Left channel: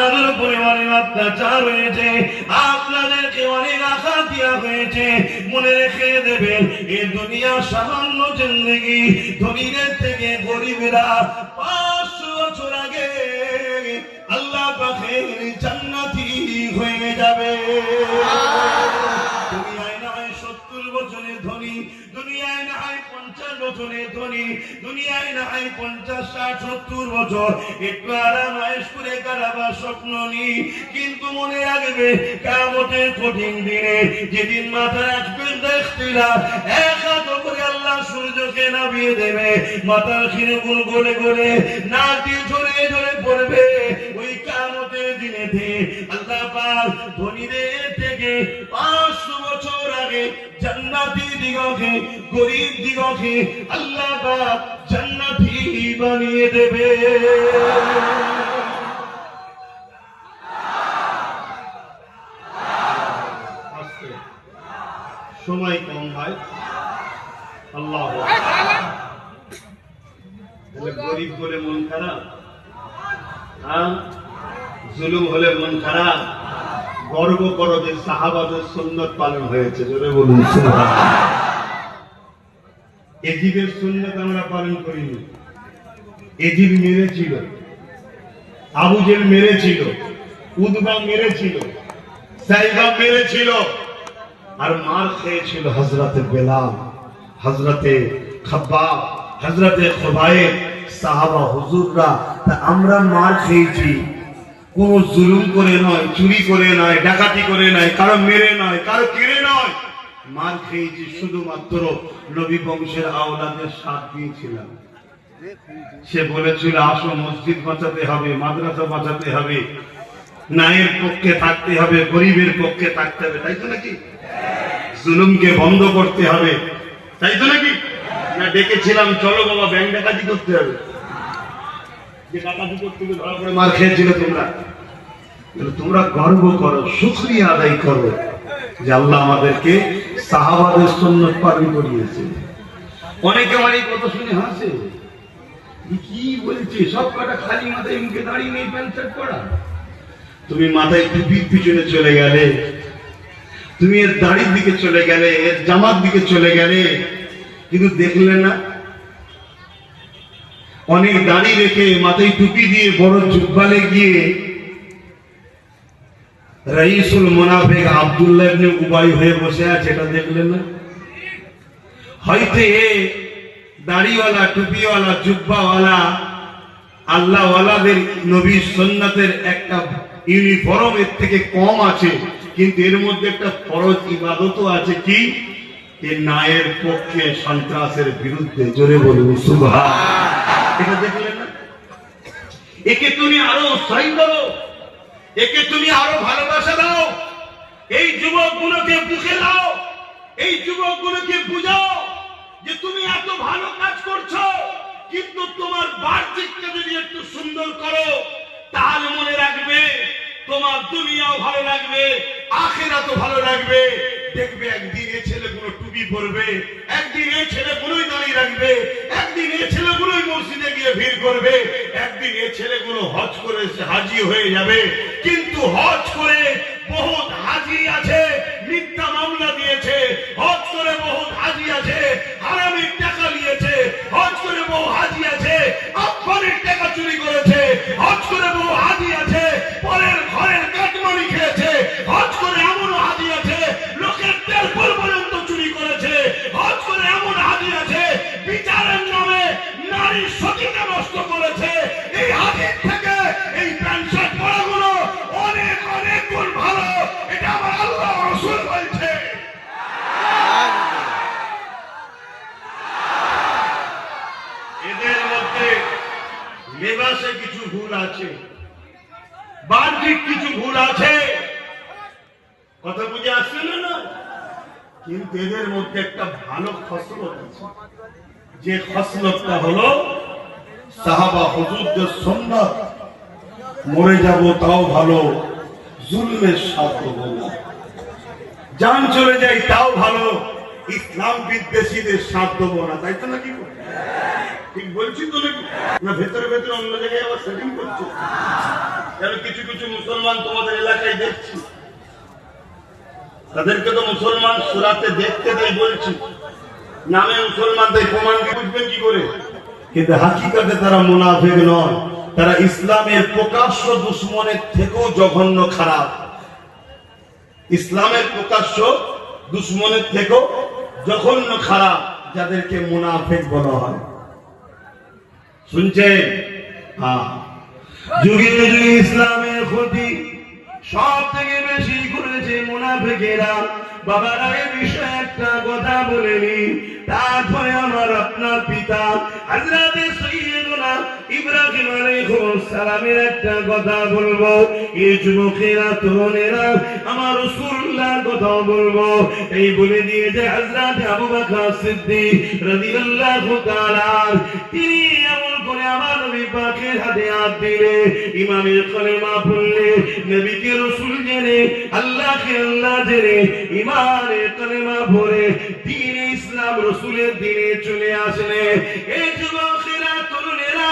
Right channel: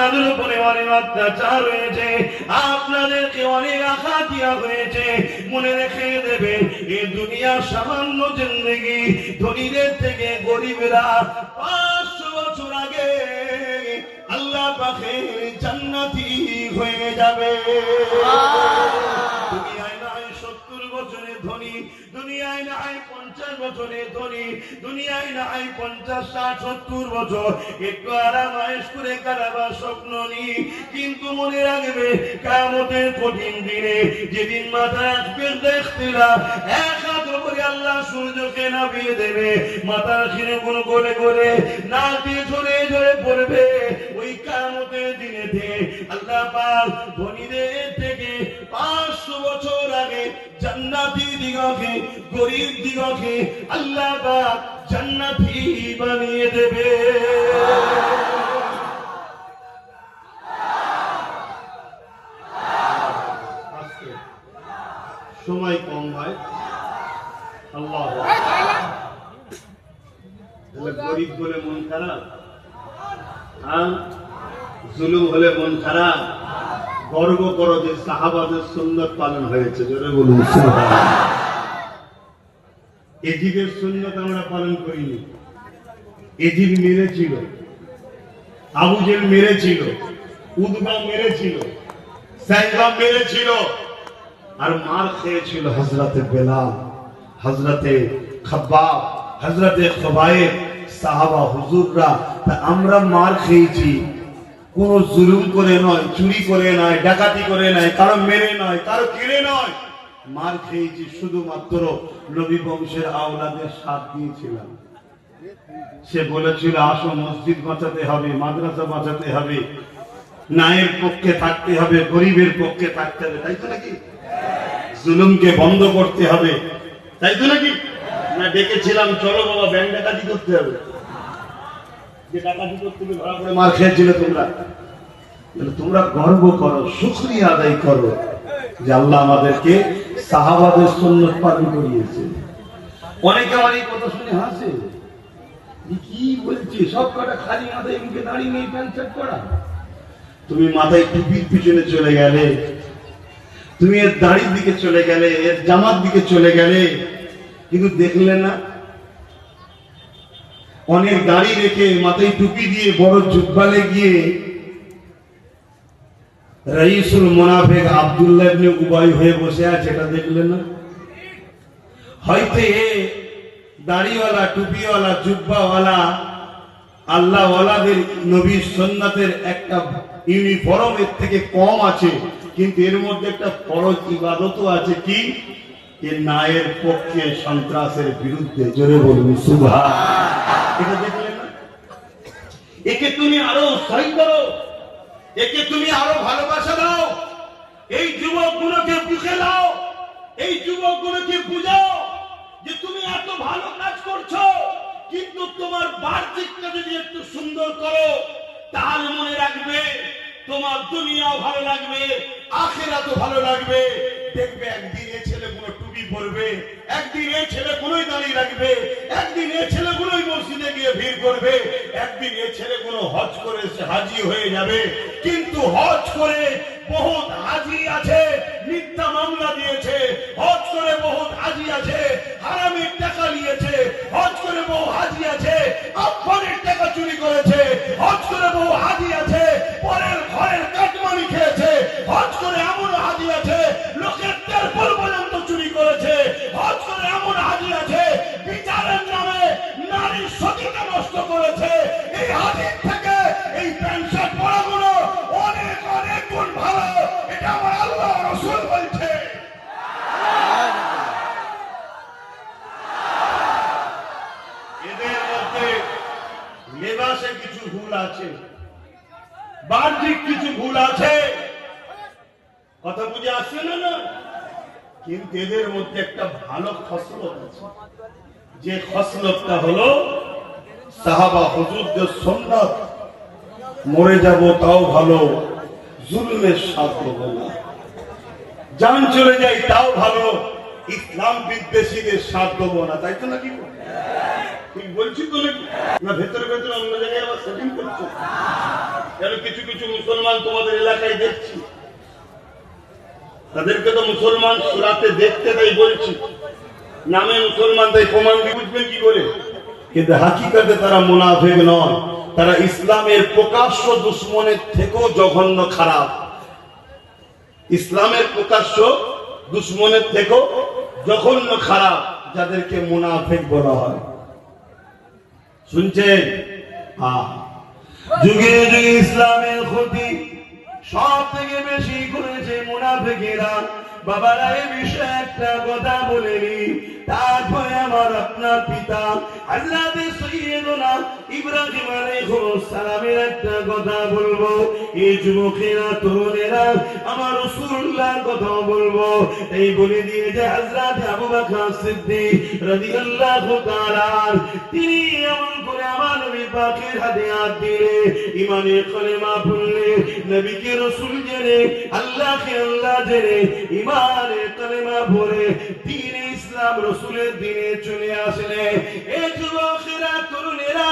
আপনাদের উপরে অনেক অত্যাচার হয়েছে, আপনাদেরকে অনেক আঘাত দেওয়া হয়েছে। মনে রেখে দেবেন, এই দুনিয়া সামান্য জিন্দেগি। ধনীদের থেকে গরিবেরা 500 বছর আগে আল্লাহ পাকের জান্নাতি হয়ে যাবে। দুনিয়ায় নয় 70 বছরের ধনী, দুনিয়ায় নয় 50 বছরের ধনী, দুনিয়ায় নয় 50, 60, 70 বছর একটু আরাম আয়েশ করে কারাবার স্বপ্ন নি। কিন্তু মনে রাখবে, কিয়ামতের কঠিন দিনে যেদিন মাথা রাখবেন দেখতে না, এক হাত করে আল্লাহ সূর্যকে নামিয়ে দেবে, মাথার শিরগুলো গলে গলে নাক দিয়ে ঝরে ঝরে পড়বে। ওই কিয়ামতের দিনেতে আল্লাহ পাক ধনীদের থেকে 500 বছর আগে জান্নাতি দিগকে, গরিব দিগকে আল্লাহ পাক জান্নাতি বানিয়ে দেবে। সময় কম ভাই, আল্লাহ গরিব বলে মন খারাপ, জুলুম হলে মন খারাপ। গর্ব করো যে সাহাবাদের সুন্নত পালন হয়েছে, জোরে বলুন সুবহানাল্লাহ। এজিদের সুন্নত আমরা পালন করিনি। এজিদ মেরেছিল, আবু জেল মেরেছিল, উদবা মেরেছিল, সাইবা মেরেছিল, আর মার খেয়েছিল হযরতে বেলাল, হযরতে খাব্বাব, হযরতে খুবাইব, সাহাবা হুজুররা। তা আমরা মার খেয়েছি কোন জুলুম করে নয়, চুরি করে নয়, ডাকাতি করে নয়, কারো মেরে নয়, কারো কিনে নয়। মার খেয়েছি শুধুমাত্র নবী বংশের আওলাদের সাথ দিয়েছিলাম। সে বলেছিল, আসো মসজিদ বাঁচাতে হবে, মাদ্রাসা বাঁচাতে হবে, নায়ের পক্ষে থাকতে হবে, গরিবের পক্ষে থাকতে হবে, তাই তো নাকি? জুলুমকে বন্ধ করতে হবে, তাই তো নাকি? না ডেকেছিলাম, চলো বাবা ব্যাংক ডাকাতি করতে হবে। যে ডাকাতি করতে গিয়ে ধরা পড়ে মার খেয়েছিল তোমরা, তোমরা গর্ব করো, শুকরিয়া আদায় করো যে আল্লাহ আমাদেরকে সাহাবাদের সুন্নাত পালন করিয়েছে। অনেকে অনেক কথা শুনে হাসে, কি বলছে, সব কটা খালি মাথায় মুখে দাঁড়িয়ে নেই, প্যান্ট শার্ট পরা। তুমি মাথায় টুপির পিছনে চলে গেলে, তুমি এর দাড়ির দিকে চলে গেলে, এর জামার দিকে চলে গেলে, কিন্তু দেখলে না অনেক দাড়ি রেখে মাথায় টুপি দিয়ে বড় জুব্বালে গিয়ে রাইসুল মুনাফিক আব্দুল্লাহ ইবনে উবাই হয়ে বসে আছে, এটা দেখলেন না? হয়তো এ দাড়িওয়ালা, টুপিওয়ালা, জুব্বাওয়ালা আল্লাহওয়ালাদের নবীর সুন্নাতের একটা ইউনিফর্ম এর থেকে কম আছে, কিন্তু এর মধ্যে একটা ফরজ ইবাদতও আছে। কি? এ নায়ের পক্ষে, সন্ত্রাসের বিরুদ্ধে। জোরে বলুন সুবহানাল্লাহ। এটা দেখলেন না? একে তুমি আরো উৎসাহ করো, একে তুমি আরো ভালোবাসা দাও, এই যুবকগুলোকে বুঝে দাও, এই যুবকগুলোকে বুঝাও যে তুমি এত ভালো কাজ করছো, কিন্তু তোমার বাহ্যিকটা যদি একটু সুন্দর করো, তাহলে মনে রাখবে তোমার দুনিয়াও ভালো লাগবে, আখিরাতও ভালো লাগবে। দেখবে একদিন এই ছেলেগুলো টুপি পরবে, একদিন এই ছেলেগুলোই দাঁড়িয়ে রাখবে, একদিন এই ছেলেগুলোই মসজিদে গিয়ে ভিড় করবে, একদিন এই ছেলেগুলো হজ করে হাজি হয়ে যাবে। কিন্তু হজ করে বহুত হাজি আছে মিথ্যা মামলা দিয়েছে, হজ করে বহুত হাজি আছে হারামির টাকা নিয়েছে, হজ করে বহু হাজি আছে আফগানের টাকা চুরি করেছে, হজ করে বহু হাজি আছে পরের ঘরের কাটমানি খেয়েছে, হজ করে এমন হাজি আছে লোকের তেল পর্যন্ত চুরি করেছে, হজ করে এমন হাজি আছে বিচারের নামে নারী সতীতা নষ্ট করেছে। এই হাজির থেকে এই প্যান্ট শার্ট পরাগুলো অনেক অনেক গুণ ভালো, এটা আমার আল্লাহ রাসূল বলছে। এদের মধ্যে লেবাসে কিছু ভুল আছে, বাহ্যিক কিছু ভুল আছে, কথা বুঝে আসছে না? কিন্তু এদের মধ্যে একটা ভালো খসলত আছে, যে খসলতটা হলো সাহাবা হুজুরদের সুন্নাত, মরে যাব তাও ভালো, জুলমের সাথ দেব না, জান চলে যাই তাও ভালো, ইসলাম বিদ্বেষীদের সাথ দেব না। তাই তো নাকি? ঠিক বলছি তো নাকি? না ভেতরে ভেতরে অন্য জায়গায় আবার সেটিং করছো? কেন কিছু কিছু মুসলমান তোমাদের এলাকায় দেখছি, তাদেরকে তো মুসলমান সুরাতে দেখতে দেয় বলছি, নামে মুসলমান তাই প্রমাণ দিয়ে বুঝবেন কি করে? কিন্তু হাকিকতে তারা মুনাফিক নয়, তারা ইসলামের প্রকাশ্য দুশ্মনের থেকেও জঘন্য খারাপ। ইসলামের প্রকাশ্য দুশ্মনের থেকেও জঘন্য খারাপ, যাদেরকে মুনাফিক বলা হয়। শুনছেন? যুগে যুগে ইসলামের ক্ষতি সব থেকে বেশি করেছে মুনাফিকেরা। বাবারা এই বিষয়ে একটা কথা বলে নি, তারপরে আমার আপনার পিতা হযরত সাইয়্যিদুনা ইব্রাহিম আলাইহিস সালামের একটা কথা বলবো। এই যুবকেরা, তরুণেরা, আমার রাসূলুল্লাহর কথা বলবো। এই বলে দিয়ে যে হযরত আবু বকর সিদ্দিক রাদিয়াল্লাহু তাআলা তিনি এমন করে আমার নবী পাকের হাতে হাত দিলে, ইমানের কলেমা পড়লে, নবীকে রাসূল জেনে, আল্লাহকে আল্লাহ জেনে, ইমানের কলেমা পড়ে দ্বীনে ইসলাম রাসূলের দ্বীনে চলে আসলে। এই যুবকেরা, তরুণেরা,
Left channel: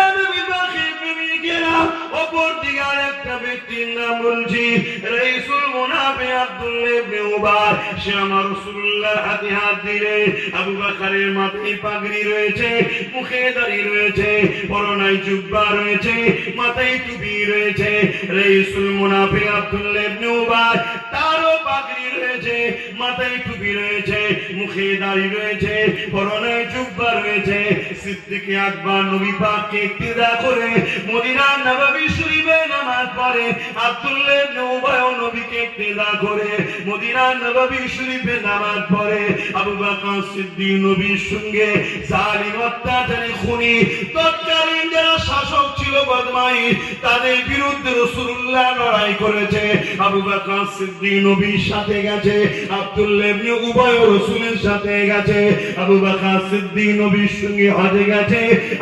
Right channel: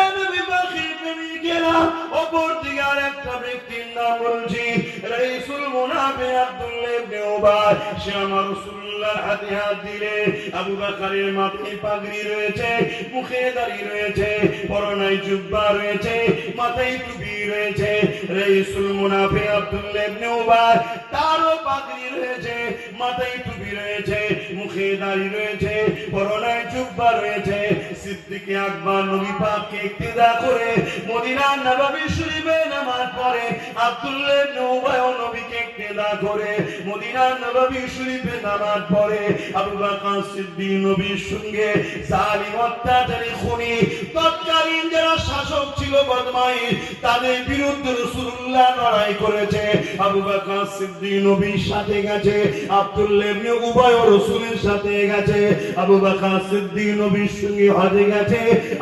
এ নবী পাকের প্রেমিকেরা, অপর দিকে আরেকটা ব্যক্তির নাম বলছি, রাইসুল মুনাফিক আব্দুল্লাহ ইবনে উবাই। সে আমার রাসূলুল্লাহর হাতে হাত দিলে, আবু বকরের মাথায় পাগড়ি রয়েছে, মুখে দাড়ি রয়েছে, পরনায় জুব্বা রয়েছে, মাথায় টুপি রয়েছে। রাইসুল মুনাফিক আব্দুল্লাহ ইবনে উবাই তারও পাগড়ি রয়েছে, মাথায় টুপি রয়েছে, মুখে দাড়ি রয়েছে, পরনায় জুব্বা রয়েছে। সিদ্দিক আকবর নবী পাককে ইক্তিদা করে মদিনার নববী শরীফে নামাজ পড়ে, আব্দুল্লাহ ইবনে উবাই নবীকে ইক্তিদা করে মদিনার নববী শরীফে নামাজ পড়ে। আবু বকর সিদ্দিক নবীর সঙ্গে জালিম, অত্যাচারী, খুনি, তৎকালীন যারা শাসক ছিল বদমাই, তাদের বিরুদ্ধে রাসূলুল্লাহ লড়াই করেছে। আবু বকর সিদ্দিক নবীর সাথে গেছে, আব্দুল্লাহ ইবনে উবাই রাসূলের সাথে গেছে। আবু বকর সিদ্দিক নবীর সঙ্গে হজে গেছে,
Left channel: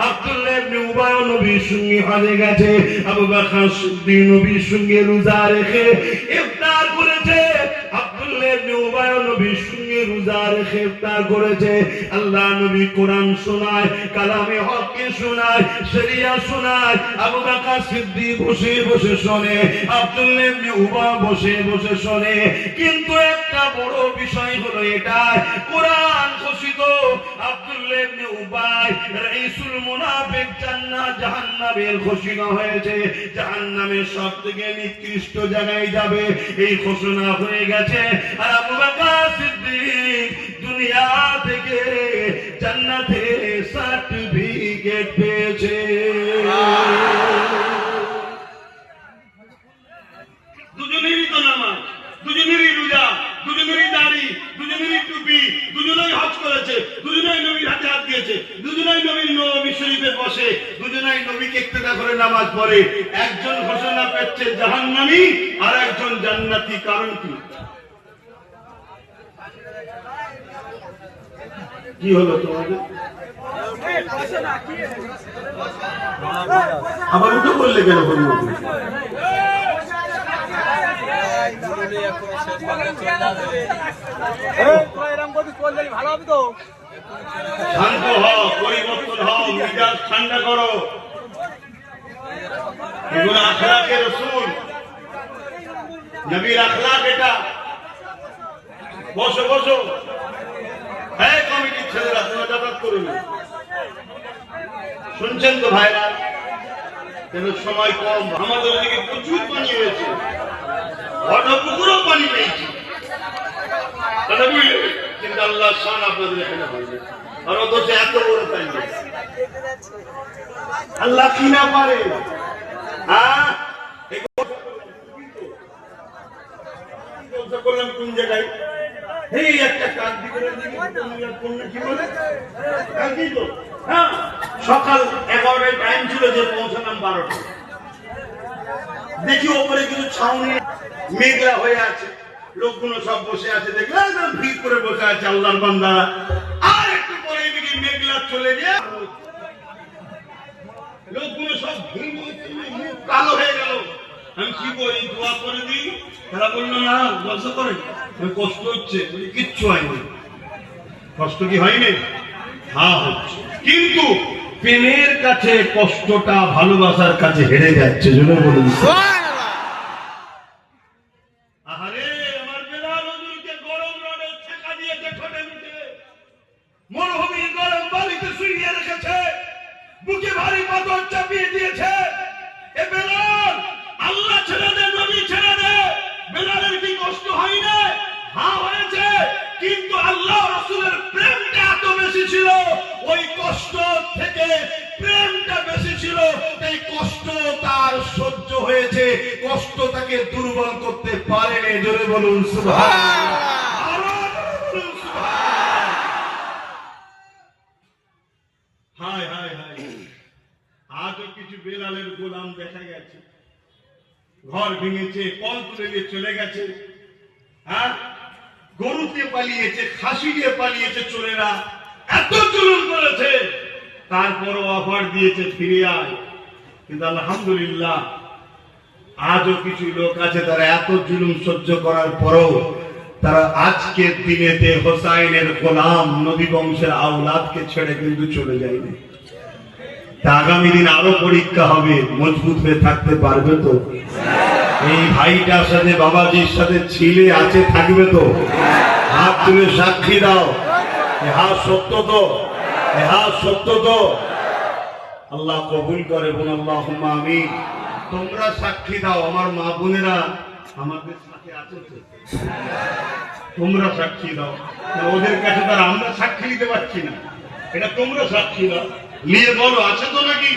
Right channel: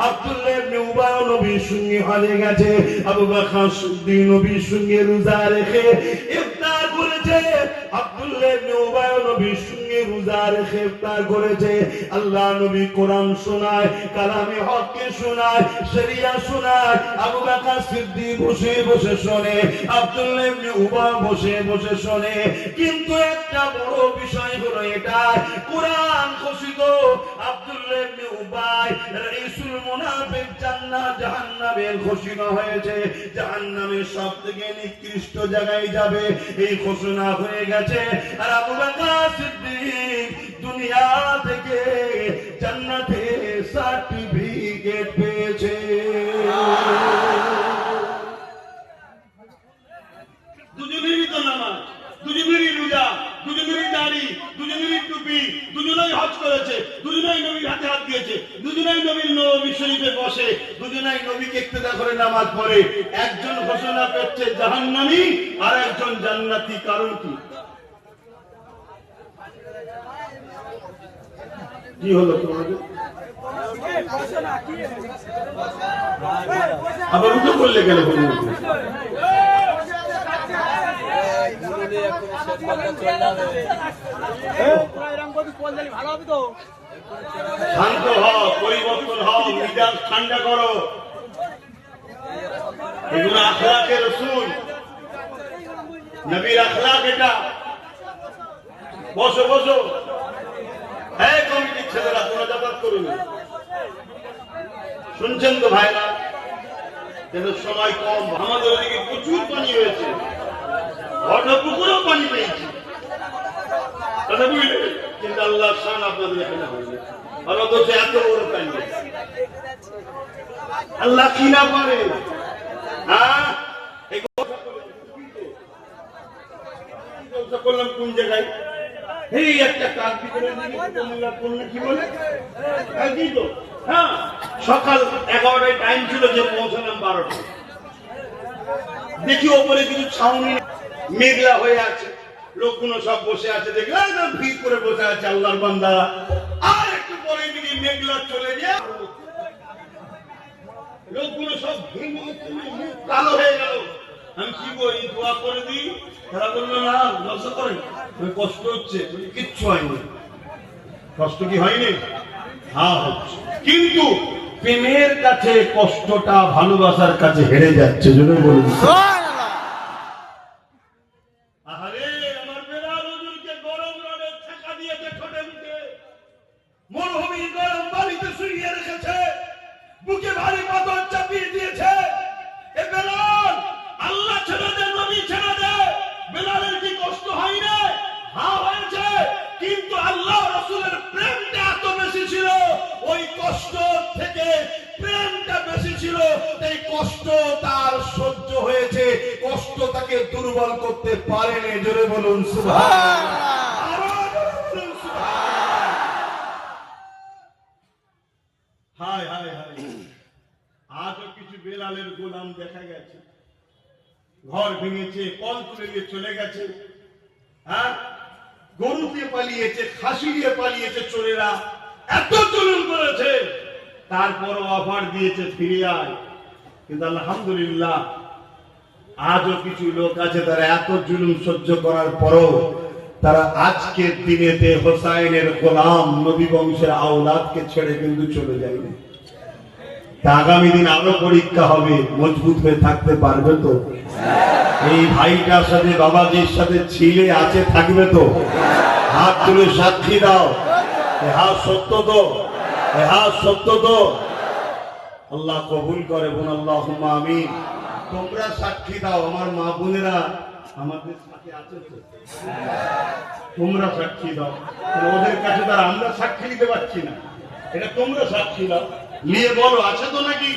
আব্দুল্লাহ ইবনে উবাই নবীর সঙ্গে হজে গেছে। আবু বকর সিদ্দিক নবীর সঙ্গে রোজা রেখে ইফতার করেছে, আব্দুল্লাহ ইবনে উবাই নবীর সঙ্গে রোজা রেখে ইফতার করেছে। আল্লাহ নবী কোরআন শোনায়, কালামে হককে শোনায়, শরিয়া শোনায়। আবু বকর সিদ্দিক বসে বসে শোনে, আব্দুল্লাহ ইবনে উবাই বসে বসে শোনে। কিন্তু একটা বড় বিষয় হলো এটা, কোরআন ঘোষিত আব্দুল্লাহ ইবনে উবাই রাইসুল মুনাফিক জান্নাত জাহান্নামের ঘোষণা হয়েছে, জাহান্নামের সবথেকে নিকৃষ্ট জায়গায় যাবে, এই ঘোষণা হয়ে গেছে। আর আবু বকর সিদ্দিক দুনিয়া থেকে জান্নাতের সার্টিফিকেট পেয়েছে। দুজনেরই তো নামাজ, দুজনেরই রোজা, দুজনেরই দাড়ি, দুজনেরই টুপি, দুজনেই হজ করেছে, দুজনেই নবীর হাতে হাত দিয়েছে, দুজনেই নবী শরীফে বসে, দুজনেই নবীকে ইক্তেদা করে নামাজ পড়ে। একজন ঘোষণা পেয়েছে জাহান্নামী, আর একজন জান্নাতি। কারণ কি হলো তোমাদের? আবার উঠে বললে কেন? শান্ত হও, পরিবর্তন হও, মেজাজ ঠান্ডা করো। এগুলো আখলাকে রাসূল, নবীর আখলাক এটা। বসো বসো, হ্যাঁ কমিটির ছেলেরা তোমরা যাতায়াত করুন। শুনছেন তো ভাইরা? সময় কম, আমাদের ওদিকে প্রচুর পানি হয়েছে, পুকুরেও পানি পেয়েছি, কিন্তু আল্লাহ শান আপনাদের এখানে হয়নি। আর অথচ এত বড় পানি আল্লাহ কি না পারে? করলাম কোন জায়গায়? এই একটা কাজ সকাল 11টায় টাইম ছিল, যে পৌঁছালাম 12টা। দেখি ওপরে কিছু ছাউনি মেঘলা হয়ে আছে, লোকগুলো সব বসে আছে, দেখলাম ভিড় করে বসে আছে আল্লাহর বান্দা। আর একটু পরে দিকে মেঘলা চলে যায়, লোকগুলো সব কালো হয়ে গেল। আমি কি বলি, দোয়া করে দিই। তারা বললো না, জলসা করে, কষ্ট হচ্ছে। কিচ্ছু হয়নি। কষ্ট কি হয়নি? হ্যাঁ হচ্ছে, কিন্তু প্রেমের কাছে কষ্টটা ভালোবাসার কাছে হেরে যাচ্ছে। জন্য বলুন আহারে আমার বেলাল হুজুরকে গরম রডে ছেঁকা দিয়েছে ঠোঁটে মুখে, মরুভূমির গরম বালিতে শুইয়ে রেখেছে, বুকে ভারী পাথর চাপিয়ে দিয়েছে। এ বেলাল, আল্লাহ ছেড়ে দে, নবী ছেড়ে দে। বেলালের কি কষ্ট হয় না? হ্যাঁ হয়েছে, কিন্তু আল্লাহ রাসূলের প্রেমটা এত বেশি ছিল, ওই কষ্ট থেকে প্রেমটা বেশি ছিল, তাই কষ্ট তার সহ্য হয়েছে, কষ্ট তাকে দুর্বল করতে পারেনি। জোরে বলুন সুবহানাল্লাহ। আরো বলুন সুবহানাল্লাহ। হায় হায় হায়, আজও কিছু বেলালের গোলাম দেখা গেছে, ঘর ভেঙেছে, কল তুলে নিয়ে চলে গেছে, হ্যাঁ, গরু দিয়ে পালিয়েছে, খাসি দিয়ে পালিয়েছে, চোরেরা এত জুলুম করেছে, তারপরও অফার দিয়েছে ফিরে আয়। কিন্তু আলহামদুলিল্লাহ আজও কিছু লোক আছে তারা এত জুলুম সহ্য করার পরও তারা আজকের দিনেতে হোসাইনের গোলাম নবী বংশের আওলাদকে ছেড়ে কিন্তু চলে যায়নি। তা আগামী দিন আরো পরীক্ষা হবে, মজবুত হয়ে থাকতে পারবে তো? এই ভাইটার সাথে বাবাজির সাথে ছিলে আছে, থাকবে তো? হাত তুলে সাক্ষী দাও, হ্যাঁ সত্য তো, হ্যাঁ সত্য তো। আল্লাহ কবুল করে, বোন আল্লাহুম্মা আমিন। তোমরা সাক্ষী দাও, আমার মা বোনেরা আমাদের সাথে আছে তো? তোমরা সাক্ষী দাও, ওদের কাছে তারা আমরা সাক্ষী দিতে পারছি না, এটা তোমরা সাক্ষী দাও, নিয়ে বলো আছে তো নাকি?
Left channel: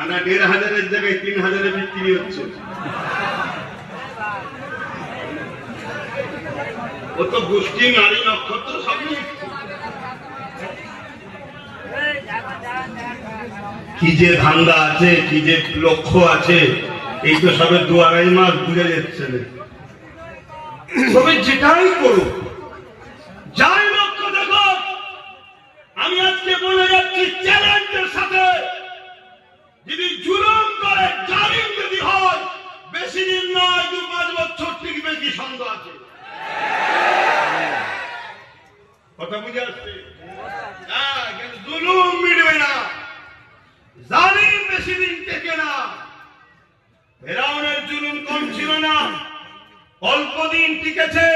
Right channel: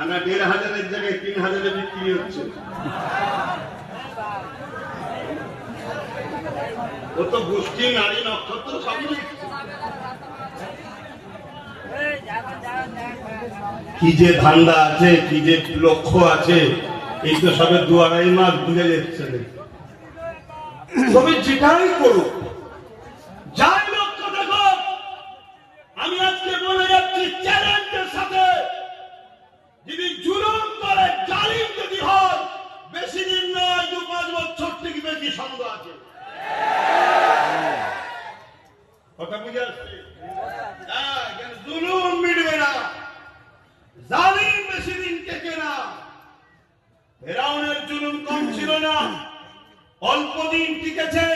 আনা ১,৫০০-এর জায়গায় ৩,০০০-এ বিক্রি হচ্ছে। ও তো গোষ্ঠী নারী নক্ষত্র সবই। কি যে ধান্দা আছে, কি যে লক্ষ্য আছে, এই তো সবে ২-২.৫ মাস বুঝে যাচ্ছে না। তবে যেটাই করুক, যাই লক্ষ্য দেখো, আমি আজকে বলে যাচ্ছি চ্যালেঞ্জের সাথে, যদি জুলুম করে, জালিম যদি হয়, বেশি দিন নয়, ২-৫ বছর টিকবে কি সন্দেহ আছে? কথা বুঝে আসছে? জুলুম মিটবে না, জালিম বেশি দিন টেকে না। ফেরাউনের জুলুম কম ছিল না, অল্প দিন টিকেছে,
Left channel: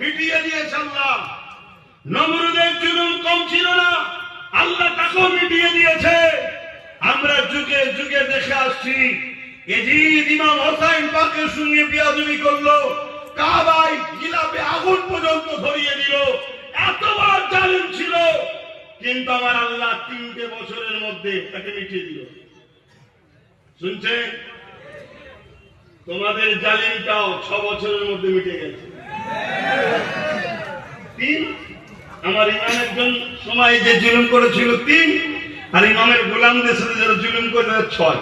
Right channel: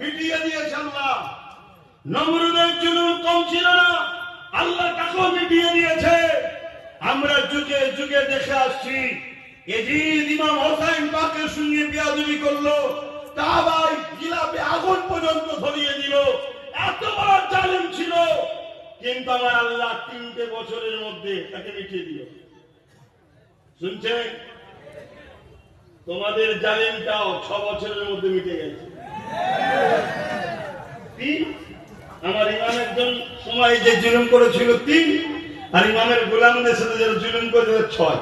মিটিয়ে দিয়েছে আল্লাহ। নমরুদের জুলুম কম ছিল না, আল্লাহ তাকেও মিটিয়ে দিয়েছে। আমরা যুগে যুগে দেখে আসছি, এজিদ ইমাম হোসাইন পাকের সঙ্গে বেয়াদবি করলো, কাবায় গিলাপে আগুন পর্যন্ত ধরিয়ে দিল, এত বড় জালিম ছিল, কিন্তু আমার আল্লাহ ৩টে বছরের মধ্যে তাকে মিটিয়ে দিল। শুনছেন? তোমাদের জালিমটাও ৬ বছরের মধ্যে মিটে গেছে। ৩, আমার ইমাম একজন সময় যে জুলুম করেছিল ৩, আর ইমামের গোলামদের সাথে যারা জুলুম করে ৬।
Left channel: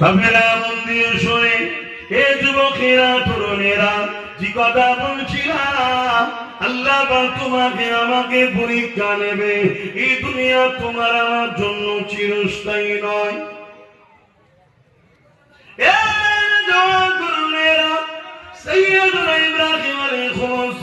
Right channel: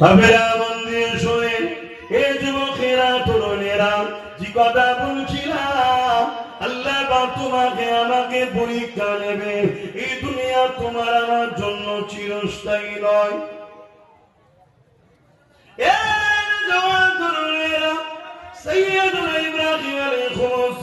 বাবেরা মন্দির শুনে হে যুবকেরা, তরুণেরা, যে কথা বলছিলাম, আল্লাহ তোমাকে আমাকে পরীক্ষা নেবে। এই দুনিয়া তোমার আমার জন্য চিরস্থায়ী নয়। সাইয়্যিদুনা ইব্রাহিম আলাইহিস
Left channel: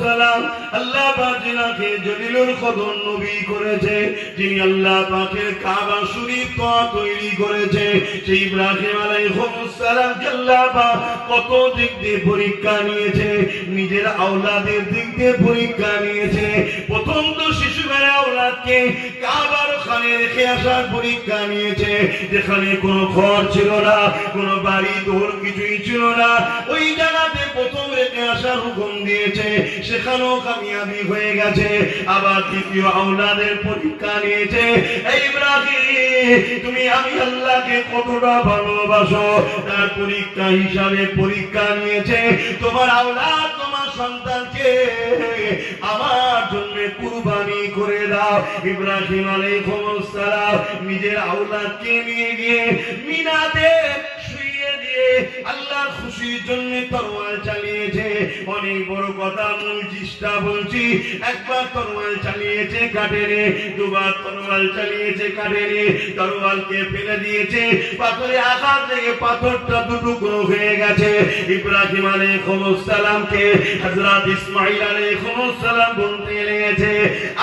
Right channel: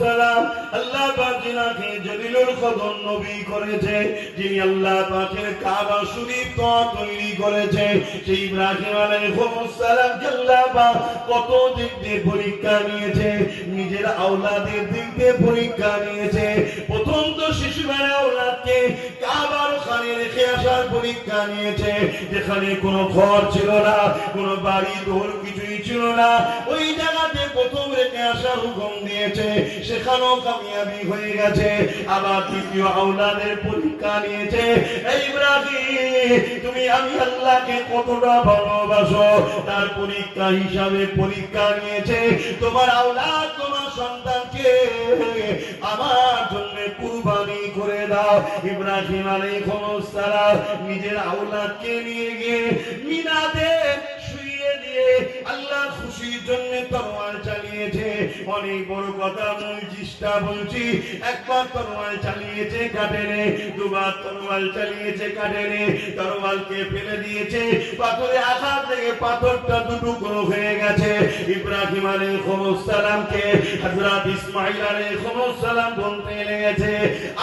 সালাম, আল্লাহ পাক যিনাকে জলিলুল কদর নবী করেছে, যিনি আল্লাহ পাকের কাবা শরীফ তৈরি করেছে, সেই ইব্রাহিম আলাইহিস সালামকে আল্লাহ পাক কত দিক দিয়ে পরীক্ষা নিয়েছে, নিজের আওলাদের দিক দিয়ে পরীক্ষা নিয়েছে। প্রথম তো শিশুবেলা আওলাদকে কাবার ওখানে রেখে আসার পরীক্ষা নিয়েছে, যেখানে কোনো ঘর ছিল না, কোনো বাড়ি দৌড় কিছুই ছিল না, ওই জায়গাতে প্রথম রেখে আসার হুকুম দিয়েছে, সেখানেও কামিয়াবি হয়ে গেছে। আবার দ্বিতীয় আওলাদের পরীক্ষা নিয়েছে, এই ইব্রাহিম তুমি আমি আল্লাহকে কতটা ভালোবাসো, তার পরীক্ষা হিসাবে পরীক্ষা নিয়েছে, তোমার আওলাদ তোমার সন্তানকে আমার জন্য কুরবানি করে দাও। ইব্রাহিম আলাইহিস সালাম নিজের আওলাদকে নিয়ে গিয়ে মিনাতে শুইয়ে দিয়ে আল্লাহর খুশির জন্য তরোয়াল চালিয়েছে। অনেক বড় কথা মূল চেষ্টা বলছি, একবার তরোয়াল চালিয়েছে কাটেনি, দুবার তরোয়াল চালিয়েছে কাটেনি, তরোয়ালকে ফেলে দিয়েছে পাথরে আঘাত থেকে পাথরটা দুটুকরো হয়ে গেছে। ইব্রাহিম আলাইহিস সালামকে হযরত ইসমাঈল আলাইহিস সালাম বলতে লেগেছে,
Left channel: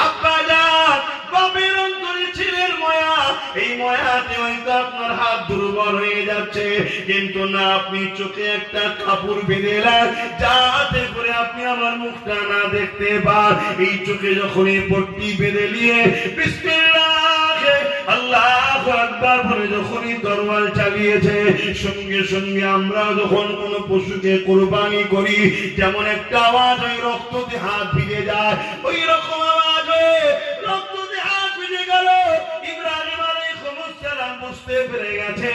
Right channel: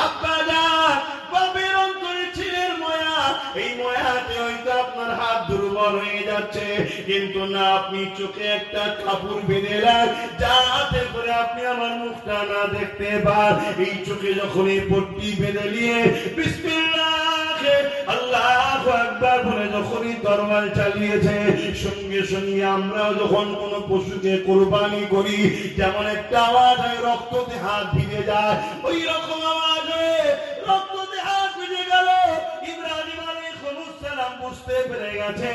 আব্বা জান, বাপের অন্তরে ছেলের মায়া, এই মায়াতে হয়তো আপনার হাত দুর্বল হয়ে যাচ্ছে, কিন্তু না, আপনি চোখে একটা কাপড় বেঁধে দেন যাতে করে আপনি আমার মুখটা না দেখতে পান। এই চোখে যখন এই পট্টি বেঁধে নিয়ে বিসমিল্লাহ আল্লাহু আকবার বলে যখনই তরবাল চালিয়েছে, সঙ্গে সঙ্গে আমরা যখন কোন পশুকে কুরবানি করি যেমন একটা আওয়াজ হয়, রক্ততে হাত ভিজে যায়, ওই রকম আওয়াজ হয়ে রক্ততে হাত ভিজে গেল। ইব্রাহিম আলাইহিস সালাম বুঝতে পেরে গেছে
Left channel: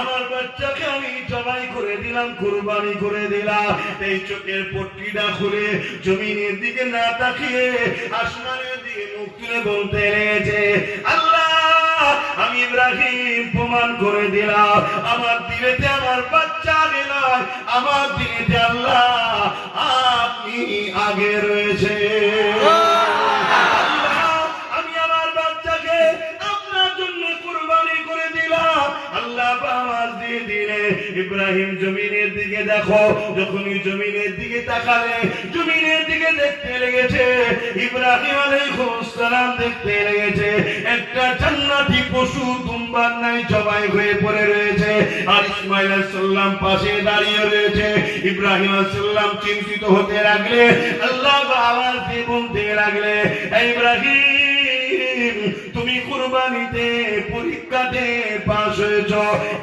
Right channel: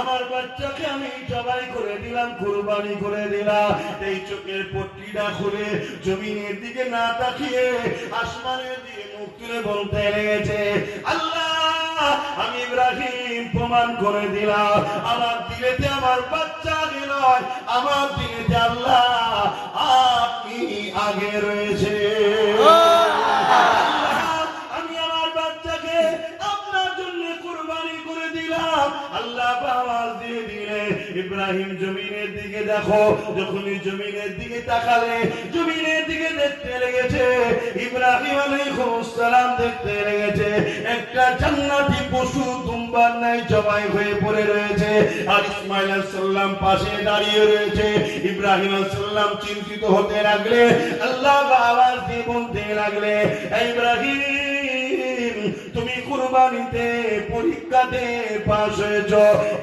আমার বাচ্চাকে আমি জবাই করে দিলাম, কুরবানি করে দিলাম। এই চোখের পট্টিটা খুলে জমিনের দিকে না তাকিয়ে আসমানের দিকে মুখ তুলে বলতে লেগেছে, আল্লাহ, আমি ইব্রাহিম প্রমাণ করে দিলাম আমার দিলেতে আমার বাচ্চা নয়, আমার দিলেতে আল্লাহ আপনি আগে রয়েছে। আমি আমার বাচ্চাকে আপনার জন্য কুরবানি করে দিলাম, আল্লাহ আওয়াজ দিয়ে দিলে ইব্রাহিম জমিনের দিকে দেখো। যখনই জমিনের দিকে তাকালে জমিনের দিকে দেখতে লেগেছে, ইব্রাহিম আলাইহিস সালাম দেখতে লেগেছে একটা জান্নাতি পশু দুম্বার নাই জবাই হয়ে পড়ে রয়েছে, আর ইসমাঈল আলাইহিস সালাম পাশে দাঁড়িয়ে রয়েছে। ইব্রাহিম আলাইহিস সালাম চিন্তিত হতে লাগলে, আল্লাহ আওয়াজ দিয়ে বলতে লাগলে, ইব্রাহিম, তুমি কুরবানিতে পরীক্ষাতে পাস হয়েছ,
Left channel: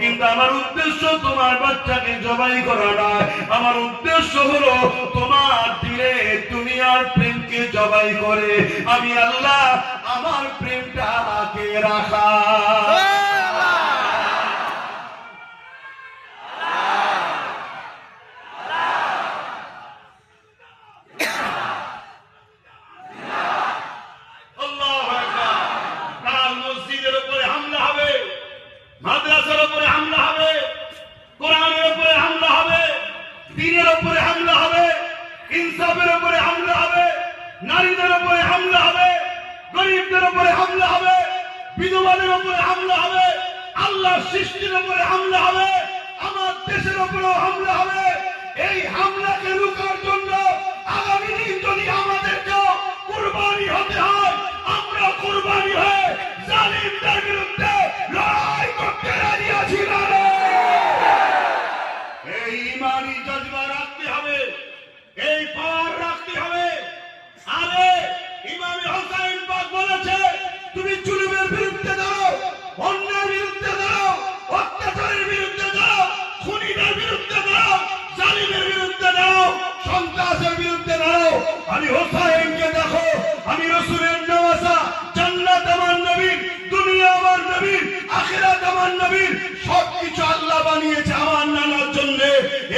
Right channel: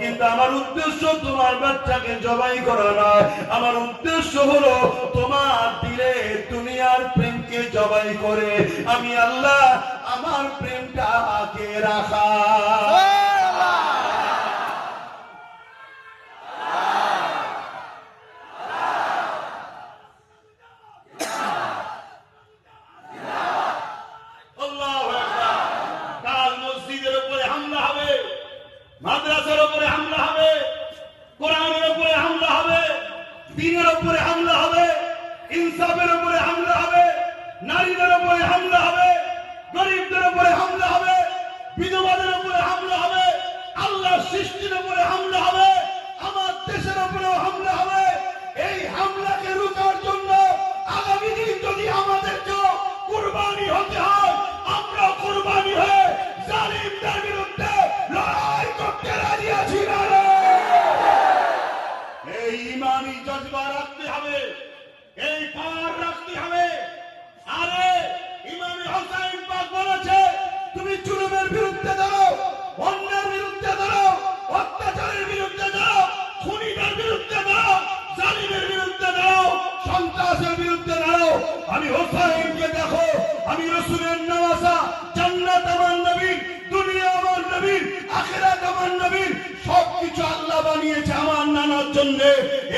কিন্তু আমার উদ্দেশ্য তোমার বাচ্চাকে জবাই করা নয়, আমার উদ্দেশ্য হলো তোমার দিলে দুনিয়ার প্রেমকে জবাই করে আমি আল্লাহ আমার প্রেমটাকে রাখা। মাদ্রাসার উপরে হামলা হবে, কোরআনের উপরে হামলা হবে, দ্বীনের উপরে হামলা হবে, ইনসাফের উপরে হামলা হবে, নারীদের উপরে হামলা হবে, গরিবদের উপরে হামলা হবে, বিধবাদের উপরে হামলা হবে, আল্লাহর সৃষ্টির উপরে হামলা হবে, আমার দেশের উপরেও হামলা হবে। এই হামলাকে রোখার জন্য আগামী দিন যদি আমাদেরকে কুরবানি হতে হয়, আমরা কুরবানি হয়ে জালিমদের বিরুদ্ধে লড়াই করতে রাজি আছি না। এই ইমানি জজবা রাখতে হবে, এই পাওয়ার রাখতে হবে। আরে ইমাম হোসেন পাক বলেছে, তুমি জুলুমের বিরুদ্ধে দাঁড়াও, অন্যায়ের বিরুদ্ধে দাঁড়াও, অত্যাচারের বিরুদ্ধে দাঁড়াও, খুনিদের বিরুদ্ধে দাঁড়াও, জালিমের বিরুদ্ধে দাঁড়াও, সন্ত্রাসের বিরুদ্ধে দাঁড়াও। আমি হোসেনকে দেখো, আমি রাসূলের নওয়াজা, জান্নাত আমার নবীর, দুনিয়া আমার নবীর, আখিরাত আমার নবীর, সবকিছু আল্লাহ বানিয়েছে আমার নানার জন্য,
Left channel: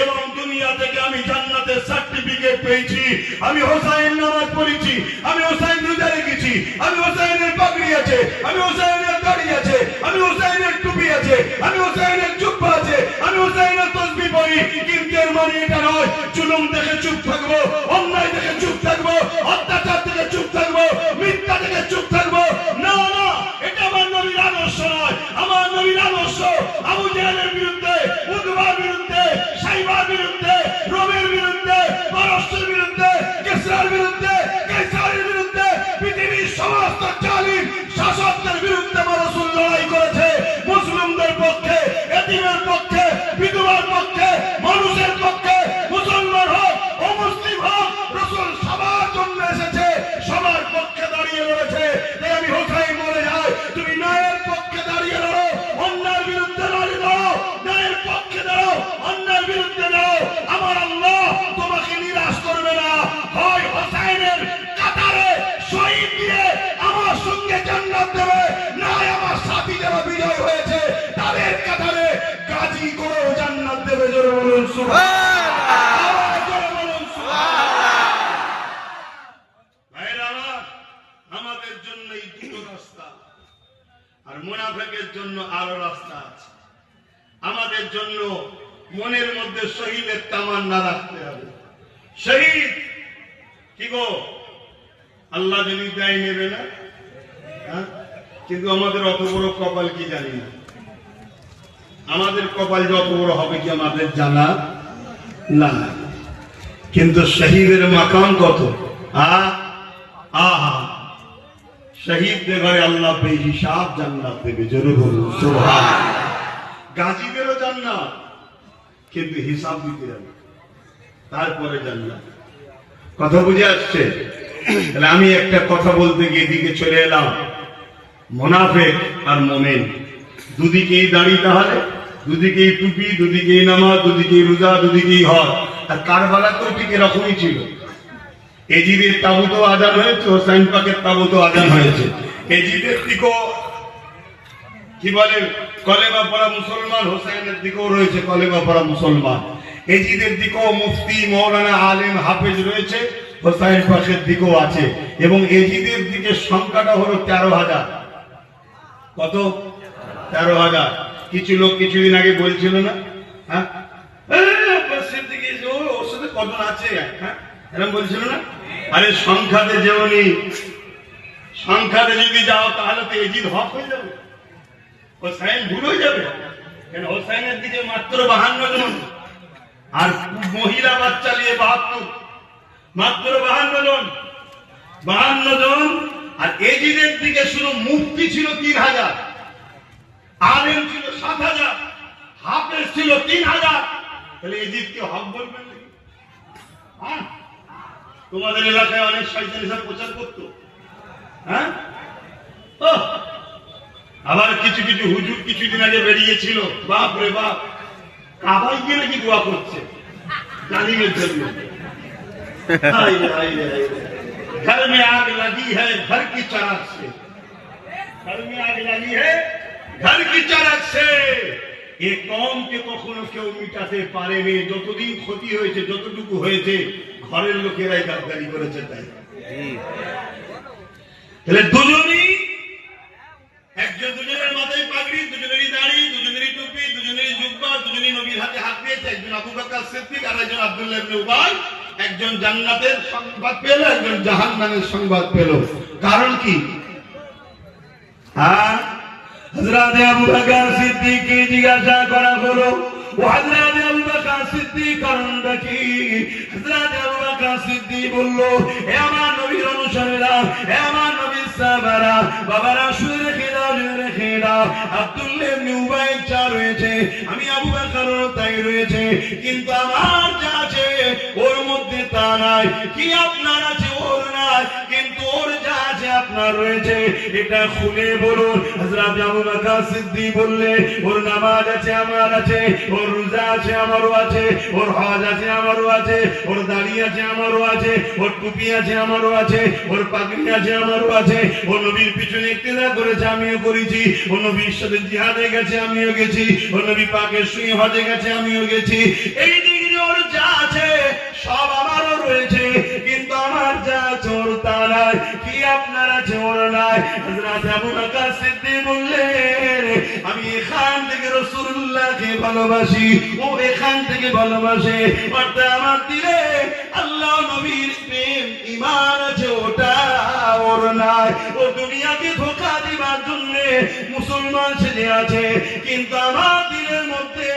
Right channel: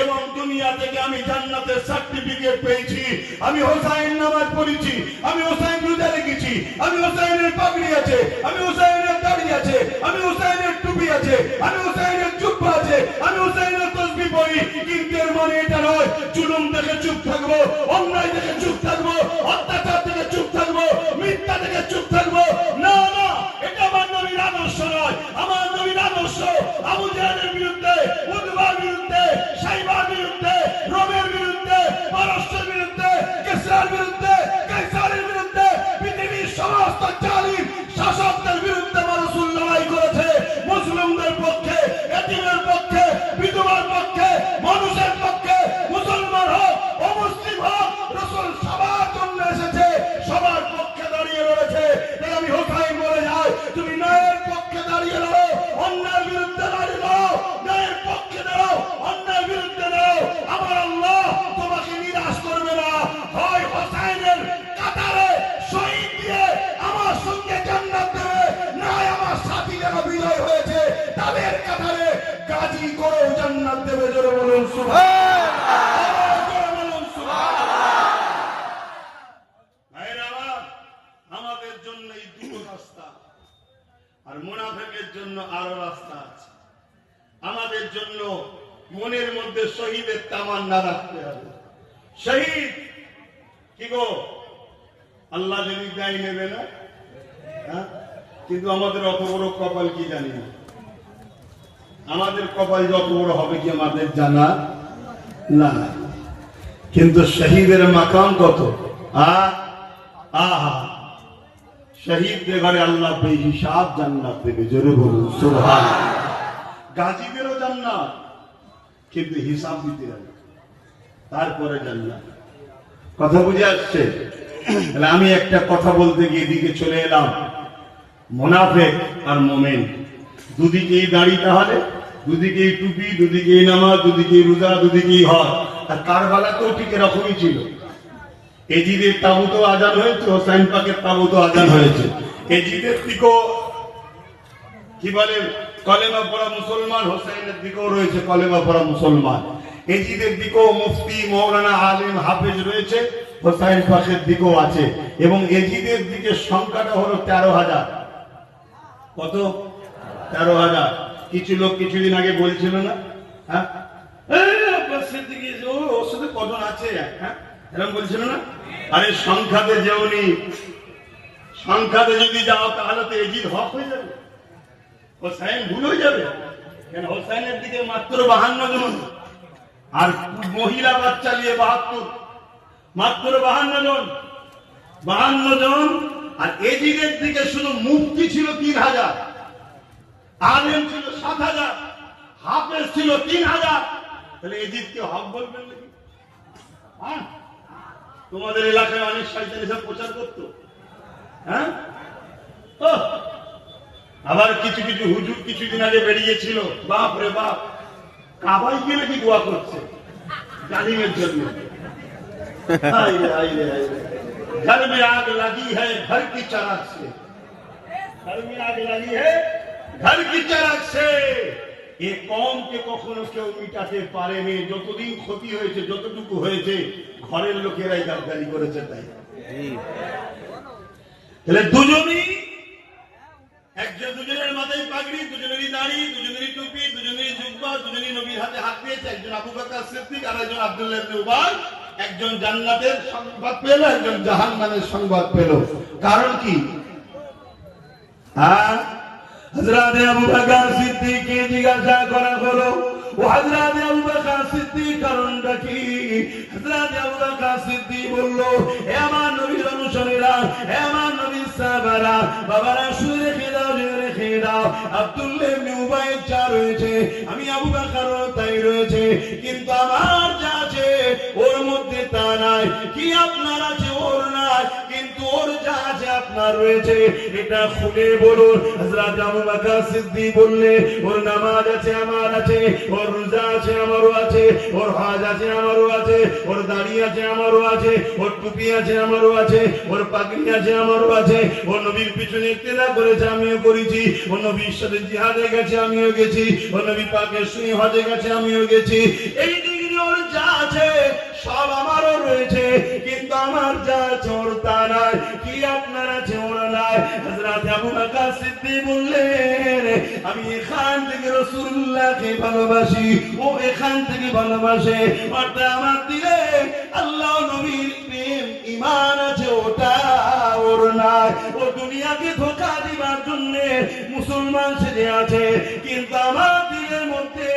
এবং দুনিয়া থেকে আমি জান্নাতের সার্টিফিকেট পেয়েছি। আমি হোসেন নামাজ পড়েছি, আমি হোসেন রোজা রেখেছি, আমি হোসেনের পাগড়ি আছে, আমি হোসেনের দাড়ি আছে, আমি হোসেনের টুপি আছে, আমি হোসেনের জুব্বা আছে, আমি হোসেনের তাসবিহ পড়ি। কিন্তু এর মানে এটা নয় জুলুম থেকে চুপ থাকবো, অন্যায় থেকে চুপ থাকবো, অত্যাচার থেকে চুপ থাকবো, মিথ্যা থেকে চুপ থাকবো। না না, এটা আমার নবীর আদর্শ নয়। আমার নবীর আদর্শ আবু জাহেলের বিরুদ্ধে, উতবার বিরুদ্ধে, সাইবার বিরুদ্ধে, রোমের বিরুদ্ধে, পারস্যের বিরুদ্ধে, কিসরার বিরুদ্ধে, কাইসারের বিরুদ্ধে, পৃথিবীর সমস্ত জালিম শাসকদের বিরুদ্ধে আমার রাসূল লড়াই করেছে। মুসলিমদের পক্ষে, এতিমের পক্ষে, বিধবার পক্ষে, মানুষের পক্ষে, মুসলমান হোক অমুসলিম হোক, রাসূল সবার জন্য এসেছে, সবার পক্ষে দাঁড়িয়ে লড়েছে। তাই আমি হোসেন বলে যাই, তুমি ন্যায়ের পক্ষে দাঁড়িয়ে লড়ো, অন্যায়ের বিরুদ্ধে দাঁড়িয়ে দাঁড়াও, ন্যায়ের পক্ষে দাঁড়াও, অন্যায়ের বিরুদ্ধে দাঁড়াও। আমার আল্লাহ তোমাকে নিরাশ করবে না। হয় হোসেনের কাতারে শহীদ দিয়ে আমার সঙ্গে জান্নাত দেবে, না আমার সাথী যারা বিজয় হয়েছে তাদের কাতারে গাজী করে জান্নাত দেবে। জোরে বলুন সুবহানাল্লাহ। জোরে বলুন সুবহানাল্লাহ। ভাইরা আমার, আমাদের জন্য এই দুটো রাস্তা, আর মুনাফিকের জন্য আরো রাস্তা আছে। আমাদের জন্য মনের মধ্যে শহীদের তামান্না রাখতে হবে। শহীদ কি গো, আল্লাহ যদি দেয় নেবে না? হ্যাঁ? কিন্তু আমাদের অত বড় কপাল কি জানি না। আমাদের কপাল যত বড় হবে কি আমাদের জানা না, কিন্তু শহীদের মাকাম কত। আহা, শহীদদের ঘরে আল্লাহ বেহিসাব জান্নাত দেবে। জোরে বলুন সুবহানাল্লাহ। গাজীদেরও জান্নাত, কিন্তু হিসাব দিতে হবে, তারপরে জান্নাত। কথা বুঝে আসছে? তাহলে আমি একটা কথা বলতে গিয়ে এদিকে চলে এলাম, মুনাফিক আর মুমিন দুদিকেই দাঁড়িয়ে, তাহলে দুদিকেই টুপি, দুদিকেই নামাজ, দুদিকেই রোজা, দুদিকেই হজ। আর কারবালাতেও ঠিক এরকমই ছিল। এজিদের তাবুতও আজান হয়েছে, হোসাইন পাকের তাবুতও আজান হয়েছে। এজিদের দিকেও কি বলে কলেমা পড়া মুসলমান, হোসাইনের দিকেও রয়েছে কলেমা পড়া মুসলমান। এজিদের দিকেও মুফতি, মৌলানা, আলেম, হাফেজ রয়েছে, হোসাইন পাকের দিকেও আছে। এবং এজিদের দিকে সংখ্যাটা হলো 13,000। কত? 13,000। কিছু লোক কিছুদিন আগে বলছিল না, হ্যাঁ ওর সাথে কজন আছে, হ্যাঁ এরকম বলছিল না? আরে সংখ্যাতে যেমনি, সংখ্যাতে যদি যাও তাহলে তো এজিদ হক হয়ে যাবে, হোসাইন ভুল হয়ে যাবে। কেন? হোসাইনের দিকে মাত্র 52 জন, আর মহিলা বাচ্চা নিয়ে 72, মাত্র 52 জন, 52 জন। আর এজিদের দিকে শুধু মুফতি ছিল 3,000, আলেম ছিল 7,000, হাফেজ ছিল 3,000। তাহলে এজিদকে হক বলবেন নাকি? হ্যাঁ, তোমাদের এলাকায় অনেক শয়তান এসব প্রচার করতো, হ্যাঁ। আবার কিছু কিছু হুজুর কিছুদিন আগে বেরিয়েছিল, বাপ রে বাপ, কাবাইকে নাকি দোয়া করছে জালিমের জন্য। घर में आग लगी है घर की चराग से, घर में आग लगी है घर की चराग से। এ কমকে কখনো কেউ মিটাতে পারেনি। যতদিন ক্ষতি হয়েছে, যতটুকু হয়েছে, ঘরের লোকেরাই গাদ্দারি করেছে। তাই তাহলে দুজনই, একজন দুজনের মাথায় পাগড়ি, দুজনেরই দাড়ি, দুজনেরই টুপি, দুজনেরই জুব্বা, দুজনেই নবীর হাতে হাত দিয়েছে। একজন আবু বকর সিদ্দিক আর একজন আব্দুল্লাহ ইবনে উবাই। একজন জান্নাতের সংবাদ পেল, একজন জাহান্নামের সংবাদ পেল। কারণ কি? হ্যাঁ, হযরত আবু বকর সিদ্দিককে জিজ্ঞাসা করা হলো, ও হযরত আবু বকর সিদ্দিক কারণটা কি? হযরত আবু বকর সিদ্দিক বলল, হে আমার নবীর অনুসারীরা, হে আমার নবীর সাহাবারা, বাবারা শুনে রেখে দাও, রেখে দাও। আব্দুল্লাহ ইবনে উবাই যা রয়েছে, আমি আবু বকরও তাই রয়েছে, কিন্তু আমার যা আছে ওর মধ্যে তা নাই। কি আপনার আছে ওর নাই, কিন্তু ওর যা আছে আপনার রয়েছে। এটা খুলে বলুন। হযরত আবু বকর সিদ্দিক বললে, ওর নামাজ আছে আমার আছে, ওর রোজা আছে আমারও আছে, ওর হজ আছে আমারও আছে, ওর দাড়ি আছে আমারও আছে, ওর টুপি আছে আমারও আছে, ওর পাগড়ি আছে আমারও আছে। ও নবীর পিছনে ইক্তেদা করেছে, আমিও করেছি। ও নবীর সাথে জিহাদে গেছে, আমিও গেছি। ও নবী পাকের সঙ্গে হজে গেছে, আমিও গেছি। এই দিকে ওর যা আছে সব আমারও রয়েছে, কিন্তু আমার যা চোর তা নাই। কি আপনার আছে ওর নাই? হযরত আবু বকর সিদ্দিক বললেন, আমি এখান থেকে রাসূলুল্লাহকে ভালোবাসি, ও এখান থেকে ভালোবাসে। অর্থাৎ আমার দিলে আল্লাহ নবীর প্রেম ঈমান আছে, ওটা ওর নাই। ও দুনিয়াকে ধোঁকা দিবার জন্য মুসলমান ছেলে আছে, কিন্তু আমার দিলের মধ্যে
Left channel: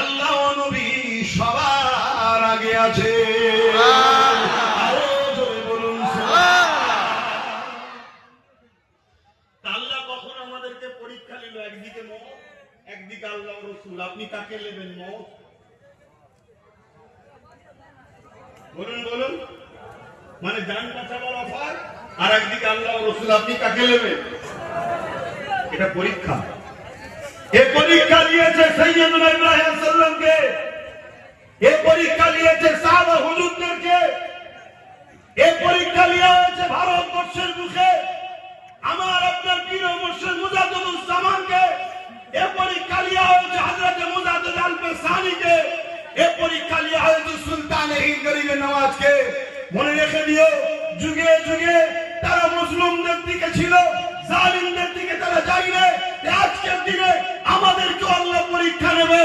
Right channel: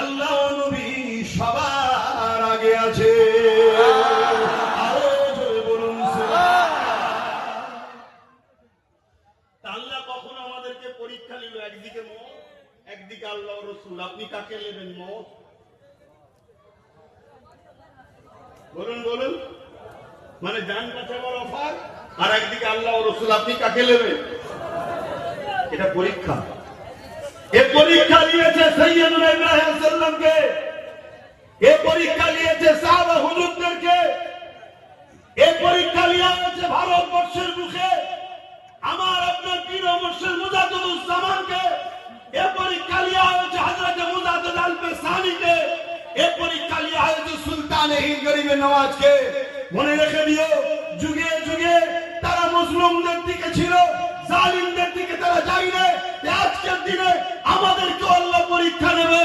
আল্লাহ নবী সবার আগে আছে। আল্লাহ কখন আমাদেরকে পরীক্ষা নিল, একদিকে মত, একদিকে আল্লাহ রাসূল। আপনি কাকে নেবেন? মত? বলুন বলুন, মানে জান বাঁচাবার অফার, আর একদিকে আল্লাহ রাসূল, আপনি কাকে নেবেন? এটা পরীক্ষা। এই পরীক্ষা নিয়েছে সাইয়্যিদুনা ইব্রাহিম আলাইহিস সালামকে, এই পরীক্ষা নিয়েছে সাহাবা হুজুরদেরকে, এই পরীক্ষা নেওয়া হয়েছে ভারতবর্ষের মুখে আমার আপনার প্রিয় মুর্শিদ মুজাদ্দিদুজ্জামানকে, এই পরীক্ষা নেওয়া হয়েছে হযরত মুজাদ্দিদ আল-ফাসানিকে, এই পরীক্ষা নেওয়া হয়েছে সুলতান হিন্দ গরিব নওয়াজকে। মনে রেখে দিও, যুগে যুগে তারা মুসলিমদের দিকে ছিল, জালিমদের দিকে তারা যায়নি। আজকের দিনে আমাদেরকে আল্লাহ পরীক্ষা নেবে,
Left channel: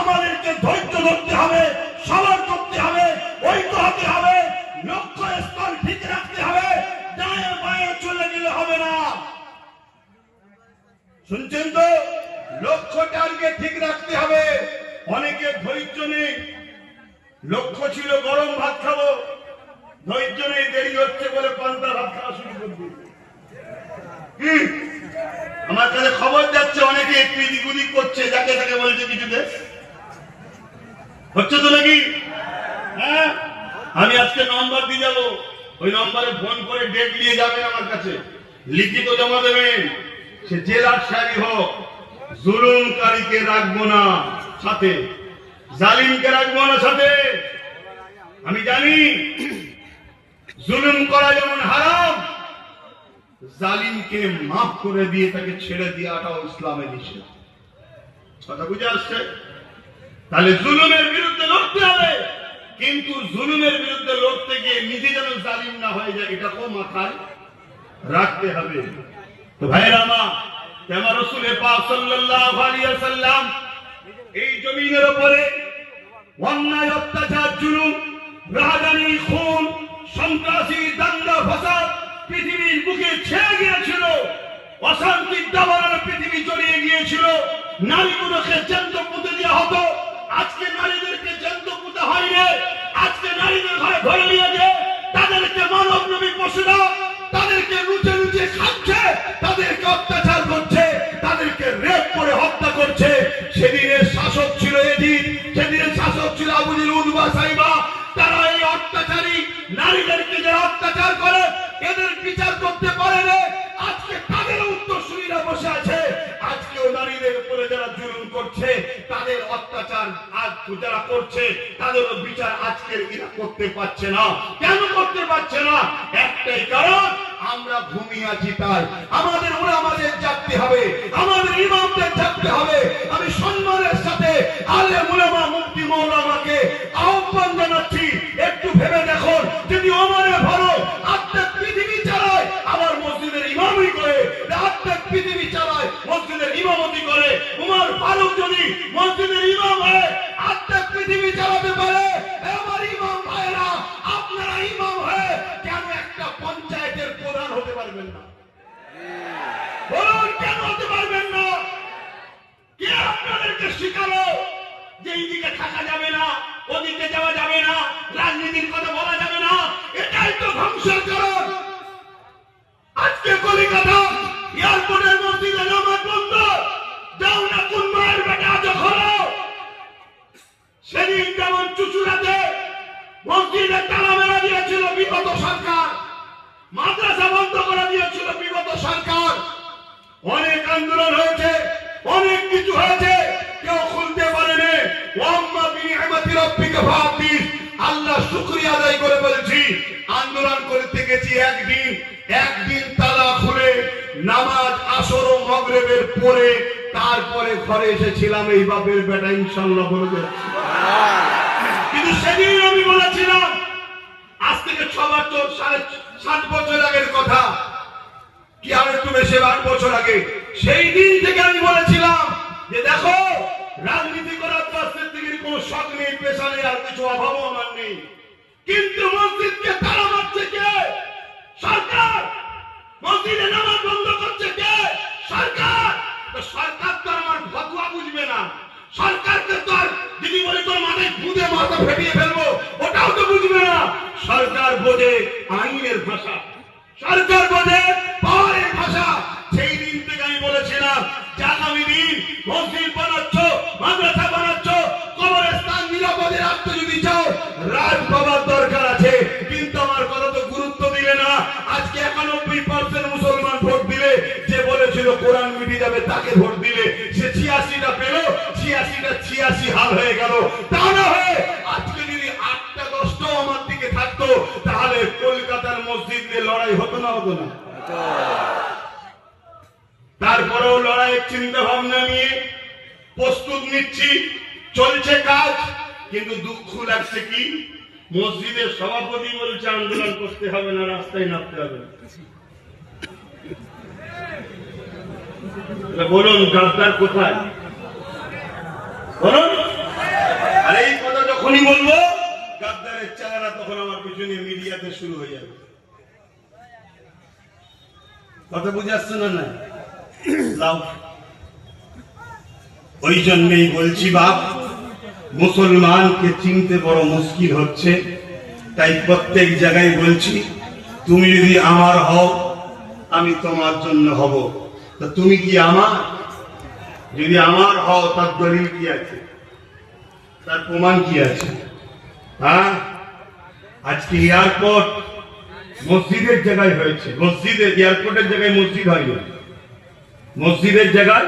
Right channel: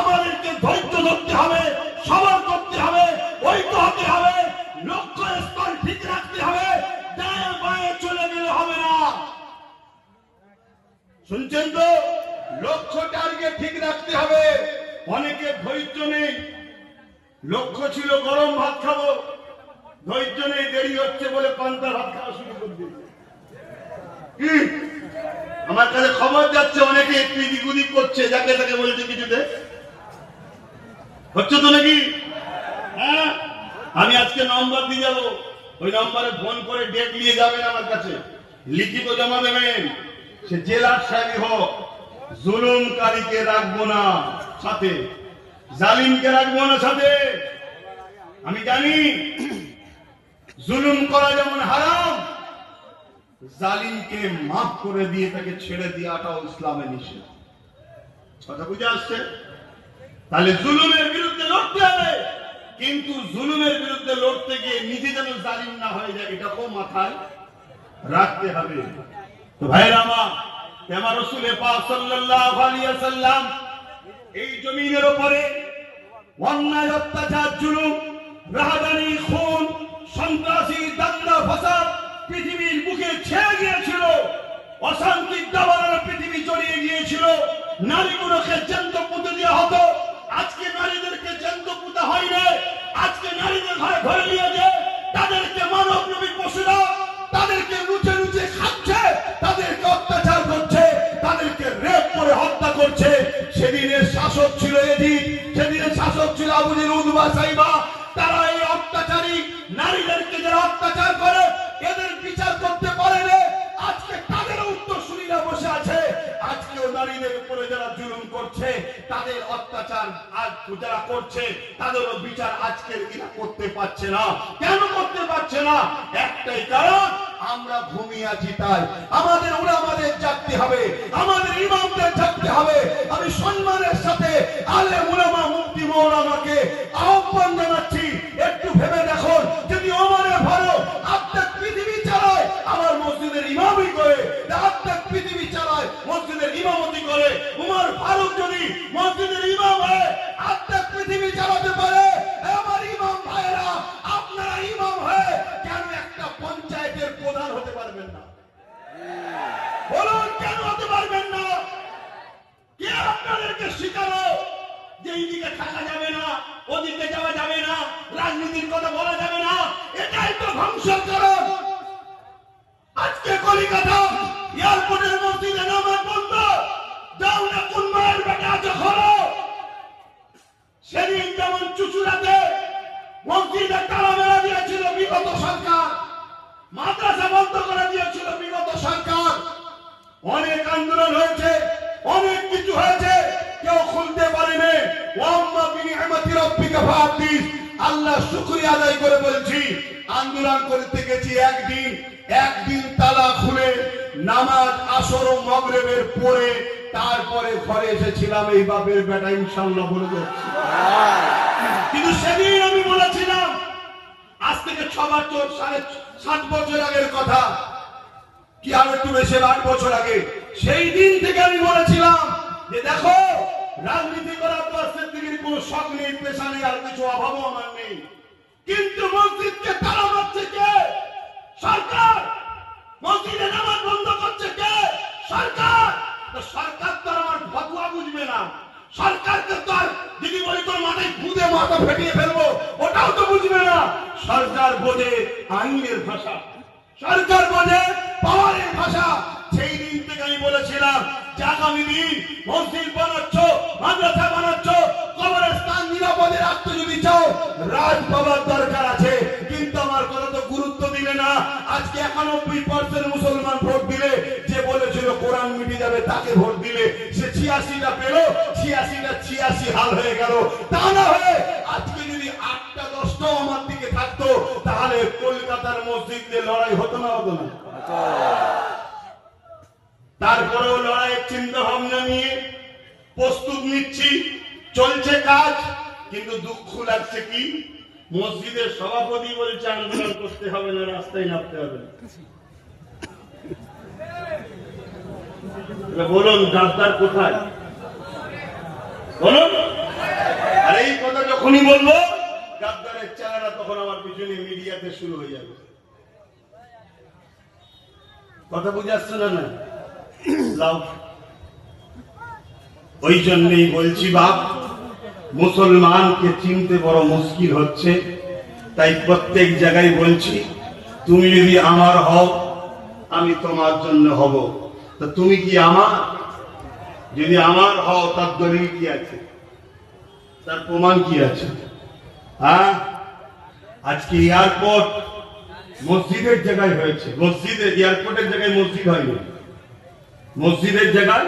আমাদেরকে ধৈর্য করতে হবে, সবার করতে হবে, ঐক্য হতে হবে, লক্ষ্য স্থল ঠিক রাখতে হবে, ডায়ে বায়ে চলে গেলে হবে না। শুনছেন তো? লক্ষ্য টার্গেট ঠিক রাখতে হবে। অনেকে ধৈর্য নেই, লক্ষ্য ছিল গরম ভাত খাবো, ধৈর্য নেই, দেরি হচ্ছে বলে পান্তা ভাত খাওয়া শুরু করবে। আমার কাছে খবর যাচ্ছে অনেকে একটু এদিক ওদিক করছে, যাকে তাকে বলছে কিছুতে হচ্ছে তো নাকি? হ্যাঁ, আমি আজকে নম্বর দিয়ে যাবো, ওই নম্বরে ফোন করে ডেট নিয়ে যাবেন আমার কাছে, লিখিত জমা দেবেন। সে জেলার সাহেব হোক, জুলুমকারীকে রাখবো না সাথে, জালিমকে রাখবো না সাথে। আমি জানি জুলুম করা যেমন হারাম, জালিমকে মাফ করে দিয়ে তাকে ছেড়ে দেওয়াটাও ইসলামে নিষেধ। কথা বুঝে আসছে? তাহলে জুলুমের বিরুদ্ধে লড়তে হবে, কিন্তু জুলুমের বিরুদ্ধে লড়তে গিয়ে নিজে যেন জালিম না হয়ে যায়, এটাকেও মাথায় রাখতে হবে। তো ভাইরা আমার রাসূল পাক সাল্লাল্লাহু আলাইহি ওয়াসাল্লাম এই জমিনের উপরে অন্যায়, অত্যাচার, জুলুম, রাহাজানি, খুন, সন্ত্রাসী, দাঙ্গা ফাসাদ পৃথিবীর বুকে ছেয়ে গিয়েছিল, অশান্তির দাবানলে পৃথিবী জড়িয়ে গিয়েছিল। নারীগুলোকে জ্যান্ত পুঁতে দেওয়া হতো, আজকে নারীদেরকে জ্যান্ত পুঁতা হয় না। আজকে নারীদের ঘরে ধরে নিয়ে যে তাদেরকে মানব নবী পশুরা তাদেরকে লুচে লুচে খাচ্ছে, তাদেরকে অত্যাচার করছে, তাদেরকে রেপ করে হত্যা করছে। সেদিনের শাসক ছিল এজিদ, সেদিনের শাসক ছিল আবু জেহেল, উতবা, সাইবা। তারা এই অত্যাচারী নারীদেরকে যে অত্যাচার করে এদের বিচার করতে পারে না। আজকে তাদের উত্তরসূরিরা বসে আছে, আজকেও নারীদের উপরে যারা জুলুম করছে, তাদের অত্যাচার আজ যারা করছে, তাদেরও বিচার আজকের এরা করতে পারছে না। কেন করতে পারছে না? একটাই কারণ, আমরা ঘুমিয়ে আছি তাই। আমাদের উলামাদের জাগতে হবে, আমাদের ইমামদের জাগতে হবে। আমি সম্মানের সাথে আলেম উলামা মুফতি মাওলানাকে আহ্বান জানাচ্ছি, একটু ভেবে দেখুন, যদি ওমরে ফারুক আত্মাক পৃথিবী চালায়, আমার মসজিদের ইমামই করে, আত্মাক পৃথিবী চালায়, মসজিদের ইমামতি করে, উমর ফারুক যদি মসজিদের ইমাম হয়, আত্মাক পৃথিবী চালাতে পারে, আমার ইমাম ভাইরা আপনারা ইমাম হয়ে কেন একটা পঞ্চায়েতের প্রধান হতে পারবেন না? বলুন, কেন হতে পারবেন না? কে আপনাদেরকে শিখালো যে এইদিকে থাকা যাবে না, ওদিকে যাওয়া যাবে না, রাজনীতির কথা বলা যাবে না? এটাই তো ধ্বংসের কারণ। আজকে কলিকাতা এয়ারপোর্টের মসজিদে নামাজ বন্ধ, যাও না কোন মায়ের বেটা যখন সেদিন যেমন চুচুড়াতে মসজিদে তালা মেরা দিয়েছিল বিগত সরকার, মাদ্রাসা বন্ধ করে দিয়েছিল বিগত সরকার। অনেক আন্দোলন হয়েছে, অনেক কিছু হয়েছে, কেউ খুলতে পারেনি। ওয়াম্মা বিনিআমাতি রাব্বিকা ফাহাদ্দিস, আল্লাহ শুকরিয়া আদায় করে বলছি, আন্দোলন করতে গেছি একদিন তালা খুলে নামাজ আসর ও মাগরিবের পরে তারপরে ঘরে এসেছিলাম। এই বাপের বেটা ইনশাআল্লাহ বলে যাচ্ছি। কিন্তু সেদিন আমি বলেছিলাম, আজ থেকে 7 বছর আগের কথা, কি আর একটু বেশি, 8 বছর আগে, সেই দিন থেকে আমি বলেছিলাম যে দেখো, রাজনীতি করার রাজনীতির থেকে কোনো শখ নেই, পেশা নেই, আর কিছু অভাবও আমার নেই, কিন্তু মসজিদকে তালা মারছে কে? সরকার। মসজিদে নামাজ বন্ধ করছে কে? সরকার। তো সরকার তো আমার ফতোয়া বুঝবে না, সরকারকে তো আর যদি বলে তোর মাথায় খুঁজে মাথা ফেটিয়ে ফেলবো, ওটাও তো বুঝবে না। সরকার বোঝে আইনের ভাষা, সরকার বোঝে পাওয়ারের ভাষা। সেই দিন থেকে আমি বলেছিলাম যে আগামী দিন মসজিদ বানাচ্ছ, মাদ্রাসা বানাচ্ছ, কবরস্থান নিরাপদে রাখতে যদি চাও, রাজ পাবার দরকার আছে। কিন্তু আমার কথা তো গুরুত্ব দিলে না। আজকে 91% মুসলমান ভোট দিলে, যে বলেছিল কোরআন মিটে যাবে তাকে ভোট দিলে, সে 86টা পেল, 86টা 86 হাল হয়ে গেল। তা না হয়ে আজকে যদি 8টা 10টাও আমার দিকে থাকতো, তাহলে কলকাতার মসজিদে লড়াই হতো না? হতো না? তারপরেও লড়াইয়ের চিন্তা ভাবনা নিয়ে প্রস্তুত নিচ্ছি, চলছে কাজ। কিন্তু দুঃখ লাগছে কি, মসজিদের সভাপতি বলছে আন্দোলন করতে হবে না, রাস্তায় নামতে হবে। বলুন গাদ্দার কোথায়? বলুন। আর এই যখনই বলবো গাদ্দারের চালারা, তখন আমার পিছনে মিডিয়াতে শুরু হয়ে যাবে। কথা বুঝে আসছে না? না লাভ। ওই জন্যই বলছি বাপ, মুসলমানকে চিনতে বড় মুশকিল হচ্ছে। তাই প্রত্যেক জায়গায় বলছি, তুমি যদি আমার হও, আমি তোমার জন্য হব। তা তুমি কি আমার? যদি আমার হও, তার দলিল কি আছে? তার প্রমাণ কি আছে? হ্যাঁ, আজকে এয়ারপোর্ট মসজিদের জায়গায় হয়েছে। মসজিদের, এয়ারপোর্টের জায়গায় মসজিদ হয়নি, মসজিদের জায়গায়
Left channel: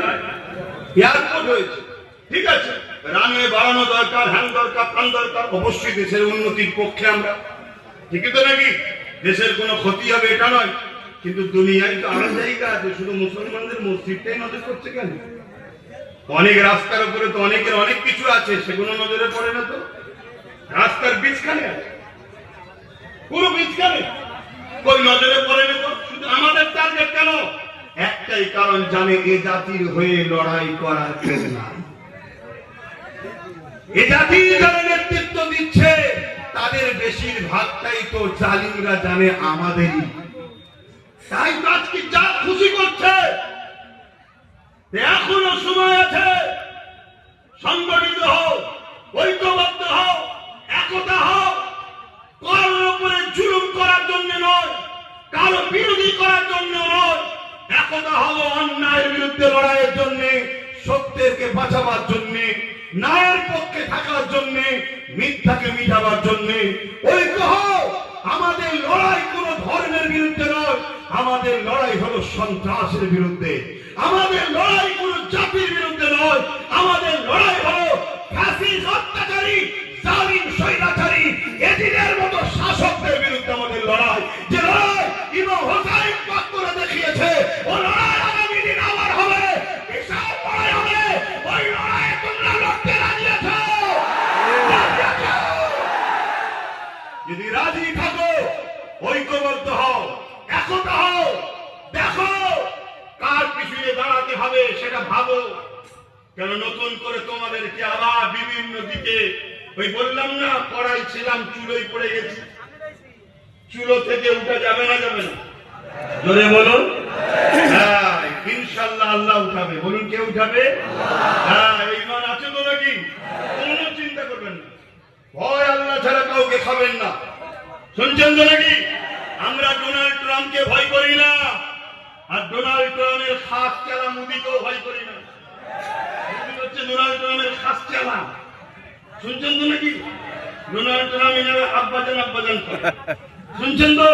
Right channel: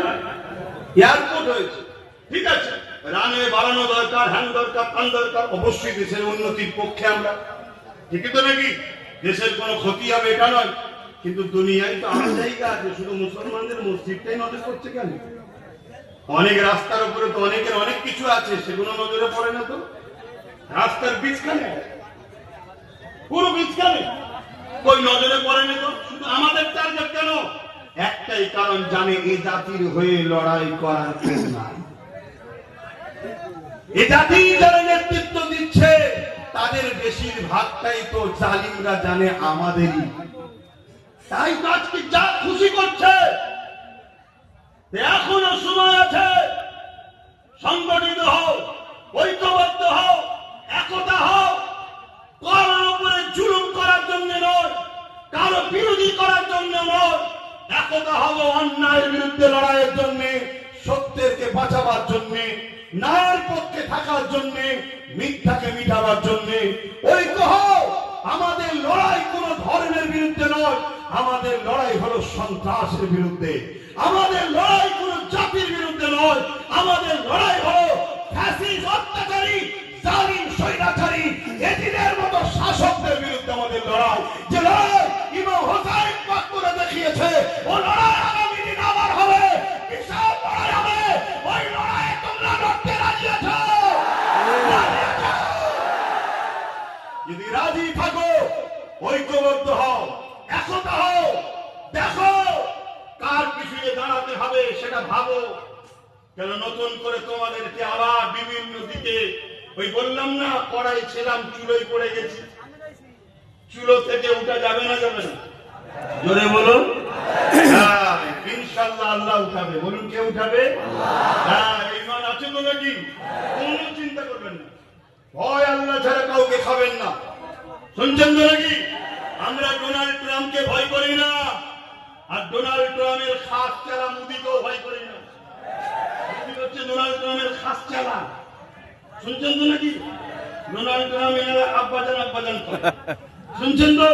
এয়ারপোর্ট হয়েছে। ঠিক আছে, রানওয়ে বাড়ানো দরকার, হ্যান দরকার, ফান দরকার। অবশ্যই দেশের উন্নতির পক্ষে আমরা, ঠিকই তো নাকি? দেশের কোনো ক্ষতি হবে এটা নয়, কিন্তু দুনিয়ায় তো আরো জায়গা আছে। শুধু মুসলমানদের মসজিদটাই নজর করছে কেন? অনেক রাস্তার উপরে তো অনেকের অনেক কিছু আছে, সেগুলো নজরে পড়ে না তো। রাস্তার বীজখানে আছে, পুরো বীজখানে কই নজরে পড়ে না তো। শুধু আমাদের টার্গেট কেন? একটাই কারণ, জানে এ জাতির হয়ে লড়াই করার কেউ নাই। এ জাতি যারা নেতৃত্ব দিচ্ছে, তাদের বেশিরভাগটাই তো জালিমরা জানে আমাদেরই। তাই তো আজকে যা খুশি করছে। এখনো সময় আছে, সংগঠিত হও, ঐক্যবদ্ধ হও, একতা হও। কারোর উপরে জুলুম করার জন্য নয়, কারো বিরোধী করার জন্য নয়। একতা হব অন্যায়ের বিরুদ্ধে লড়াইয়ের জন্য, সত্যেরকে বাঁচাবার জন্য, ন্যায়ের পক্ষে থাকার জন্য, মিথ্যাকে মিটাবার জন্য। ঐক্য হও। আমাদের লড়াই কোন ধর্মের বিরুদ্ধে নয়, আমাদের লড়াই হলো সন্ত্রাসের বিরুদ্ধে। আমাদের লড়াই কোন জাতির বিরুদ্ধে নয়, আমাদের লড়াই হলো ফ্যাসিস্ট, অত্যাচারী, জালিম, স্বৈরাচারী, এজিদের মতো শাসকদের বিরুদ্ধে আমাদের লড়াই। যে লড়াই ইমাম হোসেন পাক করে দেখিয়েছে, ও লড়াই আগামী দিন আবার হবে। বিশাল লড়াই হবে। ওই লড়াইয়ে তোমরা লড়তে রাজি আছো? যদি রাজি থাকো, ঐক্যবদ্ধ হও, একতা হও। দেখো কার পিছনে দাঁড়াতে হবে সেটা ভাবো। কেন নতুন করে তোমাদেরকে আবার বিভিন্ন দিকে, ওই বললাম না, পড়াই ছিলাম, চুলোই পড়ে গেছি। চুলো থেকে উঠা যাবে না? যাবে না? জোরে বলুন। হ্যাঁ, ইনশাআল্লাহ আল্লাহ উঠাবে। বলুন, কে উঠাবে? হ্যাঁ, ঈমান আছে তো নাকি? কোনো চিন্তা করবেন না, ভয় আল্লাহ ছাড়া কাউকে খাবেন না। শুনছেন তো নাকি? আমরা ডোনাল্ড ট্রাম্পকে ভয় করি না, আর ডোনাল্ড ট্রাম্পের খাস চালা মুদিকেও ভয় করি না। হচ্ছে ডোনাল্ড ট্রাম্পের খাস চালা। শুনছেন তো নাকি? ডোনাল্ড ট্রাম্প আব্বাজান আব্বাজান করে। শুনছেন তো?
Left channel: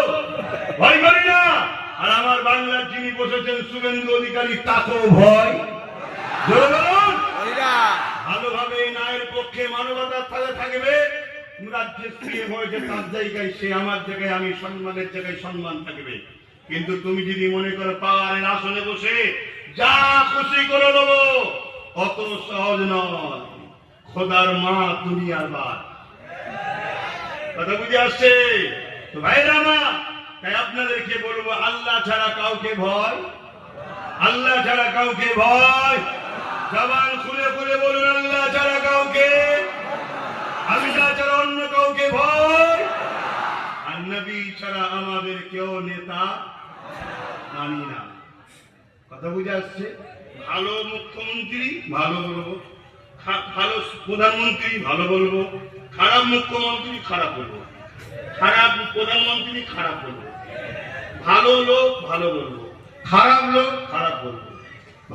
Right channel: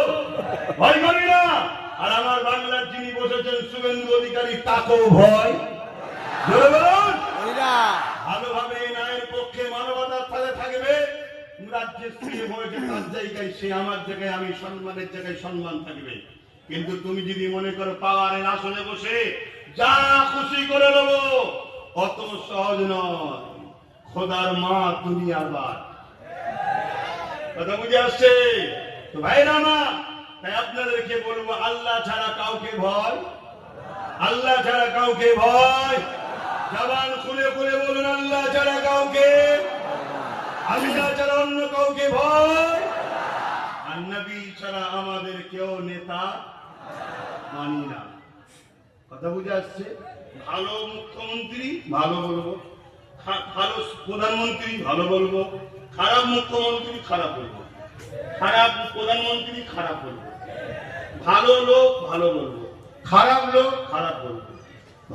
ভয় করি না। আর আমার বাংলার যিনি বসেছেন শুভেন্দু অধিকারী, তাকেও ভয়। জোরে বলুন। ভালোভাবে ন্যায়ের পক্ষে, মানবতার সাথে থাকবে। রাজ্যে স্ত্রী হয়েছে, তার জায়গায় সে, আমার জায়গায় আমি, সম্মানের জায়গায় সম্মান থাকবে। কিন্তু তুমি যদি মনে করো পাওয়ারের আসনে বসে যা খুশি করে দেবো, অত সহজ নয়। খোদার মা দুনিয়ার বাদ। কথা বুঝে আসছে তো ভাইরা আমার? তাই আপনাদেরকে বলবো, আল্লাহ ছাড়া কাউকে ভয়, আল্লাহ ছাড়া কাউকে ভয়। জবান খুলে খুলে বলুন, আল্লাহ ছাড়া কাউকে, আল্লাহ ছাড়া অন্য কাউকে ভয়। আর নবী ছাড়া আমাদের কেউ নেতা মানি না। কথা বুঝে আসছে? ভালো মুখ্যমন্ত্রী ভালো বলবো, ভালো প্রধানমন্ত্রী ভালো বলবো, খারাপ মুখ্যমন্ত্রী খারাপ বলবো, খারাপ প্রধানমন্ত্রী খারাপ বলবো, ভালো লোক ভালো বলবো, খারাপ লোক খারাপ বলবো,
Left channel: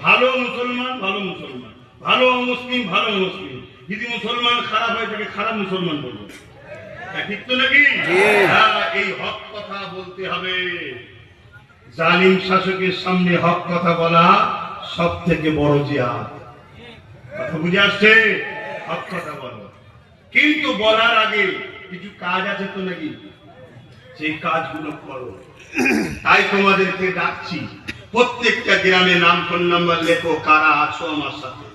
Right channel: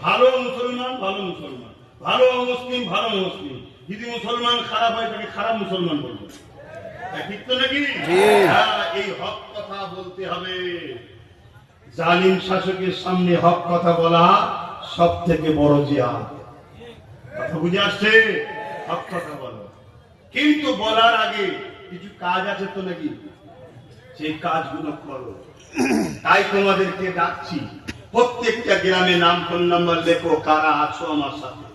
ভালো মুসলমান ভালো মুসলমান, ভালো মুসলিম ভালো মুসলিম। যদি মুসলমান খারাপ হয় তাকে খারাপ মুসলমান বলবো। ঠিক তো নাকি? এই হক কথা বলতে হবে। জালিম শাসকের সামনে হক কথা বলা সব থেকে বড় জিহাদ। কথা বুঝে আসছে? হক কথা বলো, কিন্তু বলার আগে কিছু কাজ আছে তো নাকি? সেই কাজগুলো করো। তাই তোমাদেরকে ডাকছি, প্রত্যেকটা গ্রামে নাম, ফোন নাম্বার লেখো, কারা আছো আমার সাথে,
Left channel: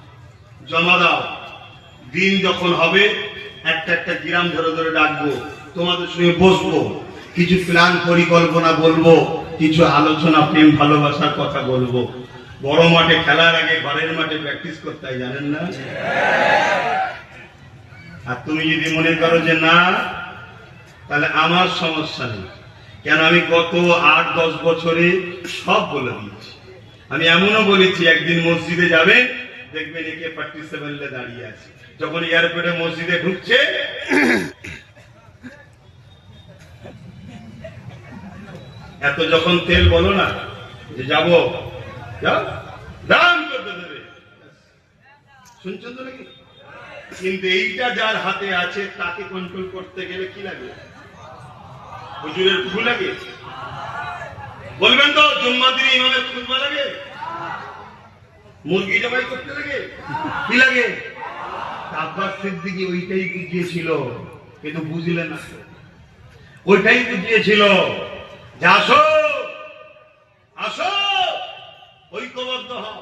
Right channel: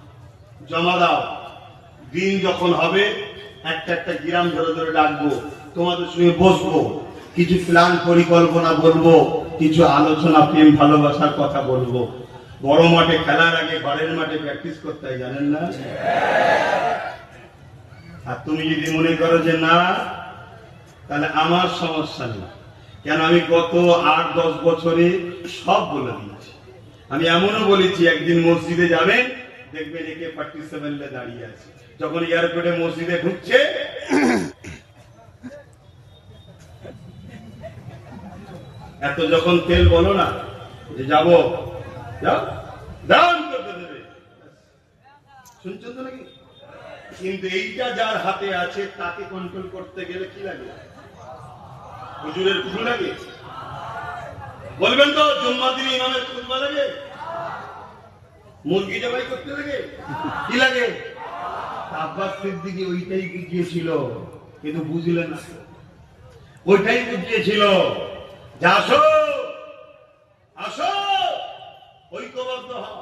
জমা দাও। দিন যখন হবে একটা একটা গ্রাম ধরে ধরে ডাকবো, তোমাদের সঙ্গে বসবো, কিছু প্ল্যান পরিকল্পনা বলবো, কিছু আলোচনা, প্রেম ভালোবাসার কথা বলবো। বড় মাঠে খেলার আগে ঘরের মাঠে প্র্যাকটিস করতে হয়, জানেন না? আর তুমি যদি মনে করো যে না, তাহলে আমার সমস্যা নেই। কেন আমি গত 8-10 বছরে সব বলে দিয়েছি। আমি এমনও বলেছি একদিন মসজিদে যাবে, দেখবেন একে 47 দাঁড়িয়ে আছে। যখন এয়ারপোর্টে মসজিদে ঢুকছে, এত যখন তেল বলো না যে যাবো, দাম করতে দেবে, শুনছো তো নাকি? কিন্তু এইটা যার হাতে আছে তাকে কন্ট্রোল করতে গেলে কি লাগে? হুজুরের ফুল লাগে? বলবেন তো জুম্মাদির ইমামের খুতবা লাগে? মুরগি জবাই করতে লাগে? কি লাগে? আব্বাস সিদ্দিকী ওইটাই বুঝিয়েছিল, কিন্তু বুঝলেন না। ওইটাই বুঝিয়েছিল যে আসো আসো ঐক্যবদ্ধ হও,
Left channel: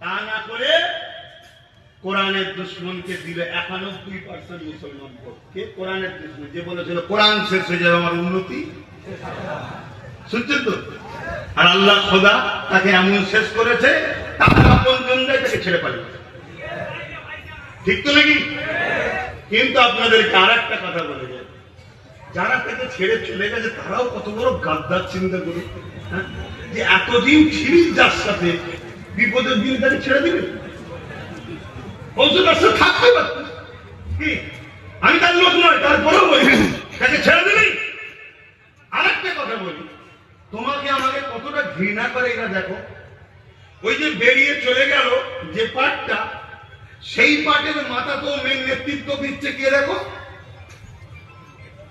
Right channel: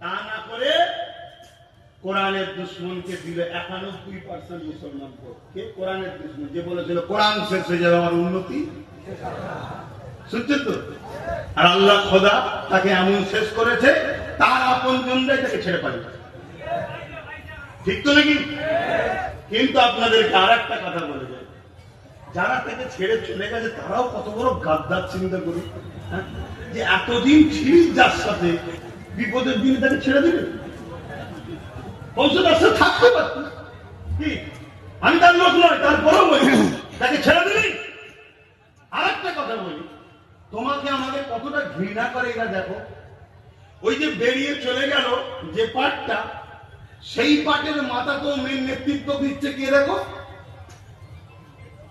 তা না করে কোরআনের দুশ্মনকে দিলে 91% মুসলমান কে কোরআনের দুশ্মন, যে বলেছিল কোরআন শেষ হয়ে যাবে আমার উন্নতি। শুনছেন তো? আর আল্লাহ খোদা তাকে এমন শেষ করেছে, তার আপন জনরাই তাকে ছেড়ে পালিয়ে। ঠিক তো নাকি? কিন্তু আপনাদেরকে আর একটা কথা বলে যায়, যারা তাকে ছেড়ে চলে গেছে তারাও কত বড় গাদ্দার, চিন্তা করুন। যে এতদিন ছিলি যার সাথে, বিপদের দিন তাকে ছেড়ে দিবে? তার সাথে থাকতে পারত কি? আমি তার লোক নয়, তারপরেও বলি তাকে ছেড়ে দিবি। আর একটা কথা বলি, তোমাকে আমাকে কতটা ঘৃণা করে এরা দেখো। ওই যে বেরিয়ে চলে গেল যে পার্টটা, সেই পার্টের মাথা তো মেন নেতৃত্ব দিচ্ছে কে দেখো?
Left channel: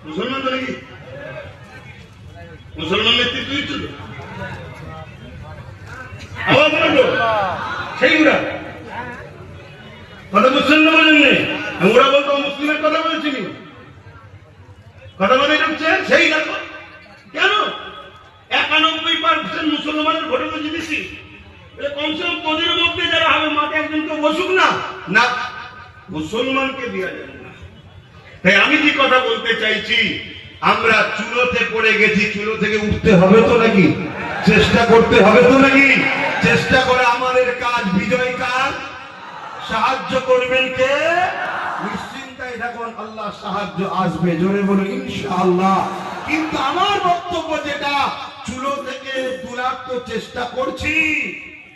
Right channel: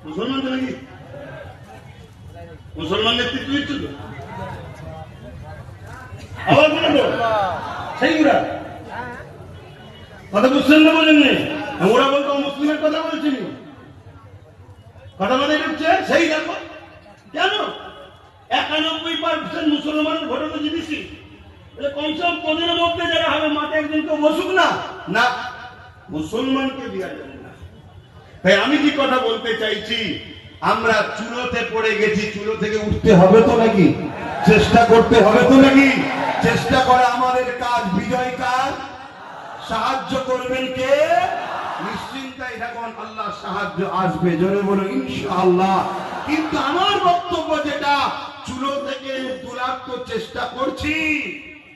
মুসলমান তো নাকি? মুসলমান নেতৃত্ব দিচ্ছে তো। আবার বলবো সেইগুলা কথা বুঝছেন না, বলেন নেই? ওরা বলতো মুসলিমের কথা বলছি, কথা বলে ঢুকছে সেই দেখো। কেন 91% মুসলমানের ভোটে তো জিতেছি? কমসে কম পদের মধ্যে যারা হবে মাঠে একজনকে বসুক না, না মুসলমানকে দেওয়া যাবে না। তাই আমি যে কথা বলতে চাইছি, আমরা চুলোতে পড়ে গেছি, চুলো থেকে উঠতে হবে তো নাকি? চেষ্টা করতে হবে তো নাকি? চেষ্টা করে আমাদের কাজ, বিজয় কাজ। সাহায্য করবেন কে? নিশ্চিন্তাই থাকুন, আল্লাহ সাহায্য আসবে। জোরে বলুন ইনশাআল্লাহ। কিন্তু আমার বক্তব্য যেটা, চুলো থেকে তোলার তো চেষ্টা করছি,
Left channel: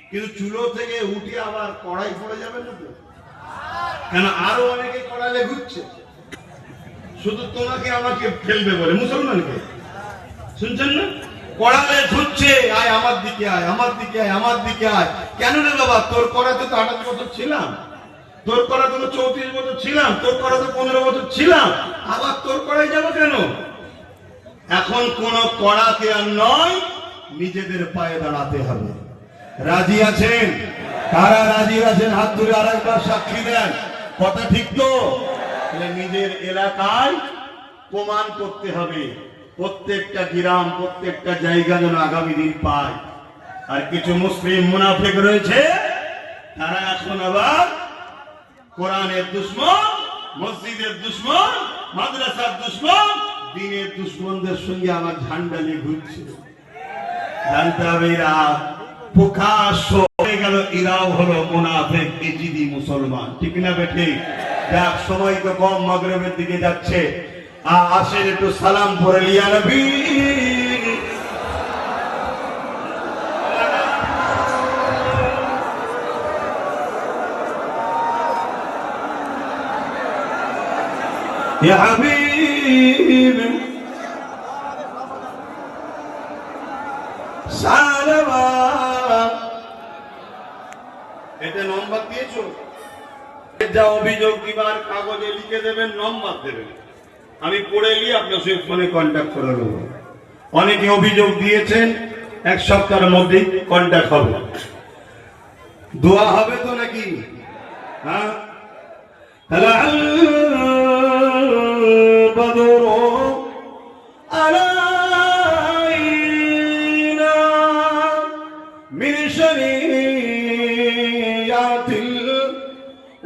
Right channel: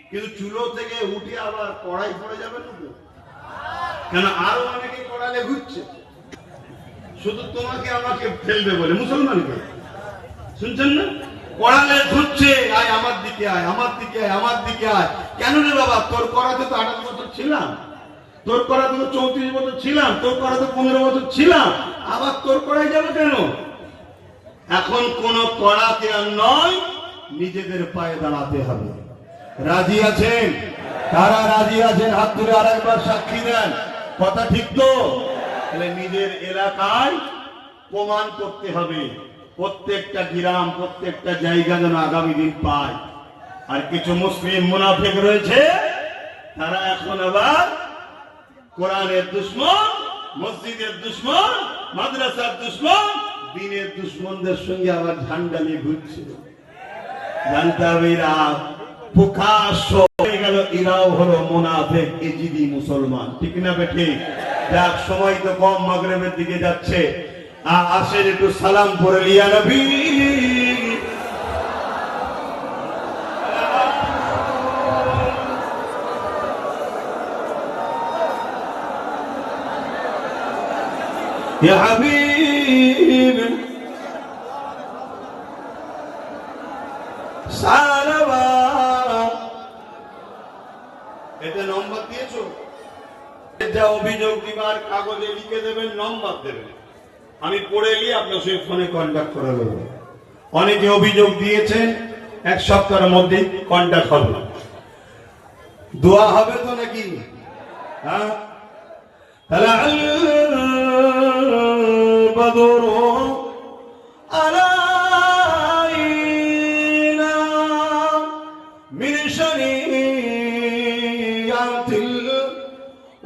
কিন্তু চুলো থেকে উঠে আবার কড়াই পড়ে যাবে না তো? কেন আরো অনেকে কড়ালে ঘুরছে, শুধু তোমাকে আমাকে ফেলবে বলে, মুসলমানকে। শুনছেন না? কড়ালে ঘুরছে, আয় আমার দিকে, আয় আমার দিকে, আয় আমার দিকে আয়। কেন রে বাবা? তোর কড়াতে তো 28 বছর ছিলাম, তোর কড়াতে তো 34 বছর ছিলাম, তোর কড়াতে 15 বছর ছিলাম, আবার তোর কড়াই যাবো কেন? এখন কোন কড়াতে আর নয়, নিজেদের পায়ে দাঁড়াতে হবে। রাজি আছেন? কারা রাজি আছেন হাত ধরে আরেকবার সাক্ষী দেন। কথা ঠিক তো? নিজের এলাকায় প্রমাণ করতে হবে, প্রত্যেকটা গ্রাম, প্রত্যেকটা জায়গা যেন আগামী দিন পায়। আর কিছু মুসলিম মুনাফিক রয়েছে, তারা এখন আবার কোরআনের দুশমন, মসজিদের দুশমন, মাদ্রাসার দুশমন, দিনের দুশমনদের সঙ্গে আমার ঝান্ডা নিয়ে ঘুরছে। জানতে হবে এরা প্রকাশ্য হয়ে গেল, এরাও হলো মুনাফিক, ইজিদি মুসলমান। ঠিক না বেঠি? এক সময় তো কম, মাগরিবের দিকে যাচ্ছে, আসেন একটু সালাম পড়ে লিয়া নবী। ইয়া হাবিবি সালামা। এটা নম্বর দিয়েছো, যা অভিযোগ দিবার কাগজে লিখে দেবেন, নম্বর দেবেন, আমি পড়ে গিয়ে আপনার সঙ্গে ফোনে কন্ট্যাক্ট করে নেব। অনেকে অভিযোগ দিয়েছেন, 1 সপ্তাহের মধ্যে কন্ট্যাক্ট হবে। দোয়া হবে তো নাকি? হ্যাঁ, বদর আলাইনা মিন শরিয়াতিল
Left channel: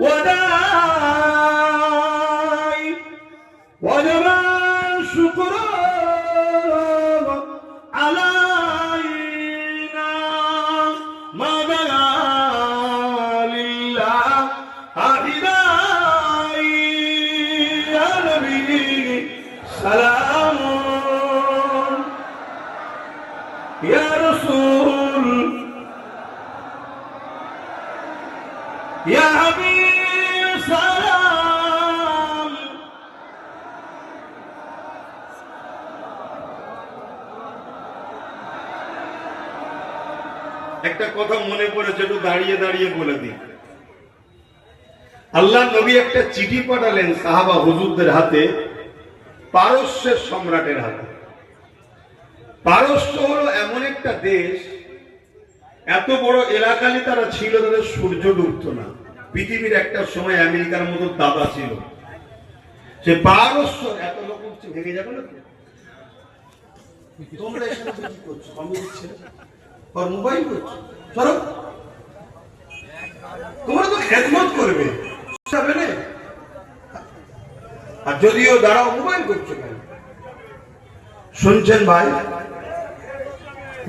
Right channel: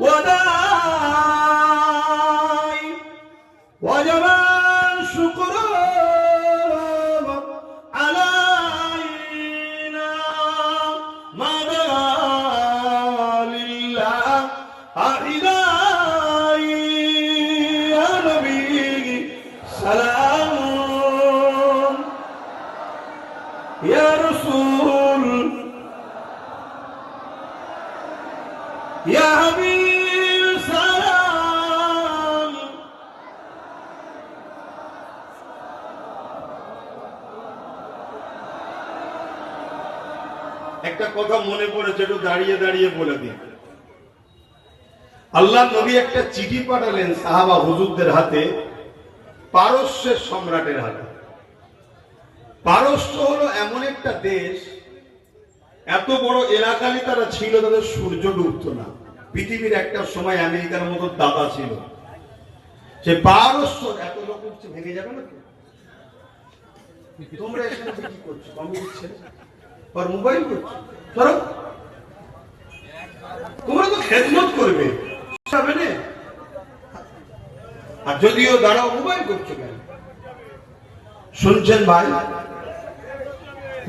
ওয়াদাই ওয়াজাবা শুকরা আলাইনা মাদালিল্লাহ আইদাই ইয়া হাবিব সালাম। একটা কথা মনে পড়েছে, একটু দাঁড়িয়ে দাঁড়িয়ে বলে দিই। আল্লাহ নবী একটা চিঠি পাঠালেন সাহাবা হুজুরদের হাতে, পারস্যের সম্রাটের হাতে। পারস্য হলো এমন একটা দেশ, এত বড় এলাকালি তারা ছিল, তাদের সূর্য ডুবতো না। পৃথিবীর একটা সময় আমেরিকার মতো দাদা ছিল। সে পারস্য এত লোক উঠছে, ভেঙে যাবে না তো? তোমরা এখানে কি করছো? কমে দিচ্ছে আর মোবাইল করছো, চলো তোমরা তো খেদমত করবে, আর যদিও দাঁড়াও মোবাইল করছো কেন? শুনছেন ভাই,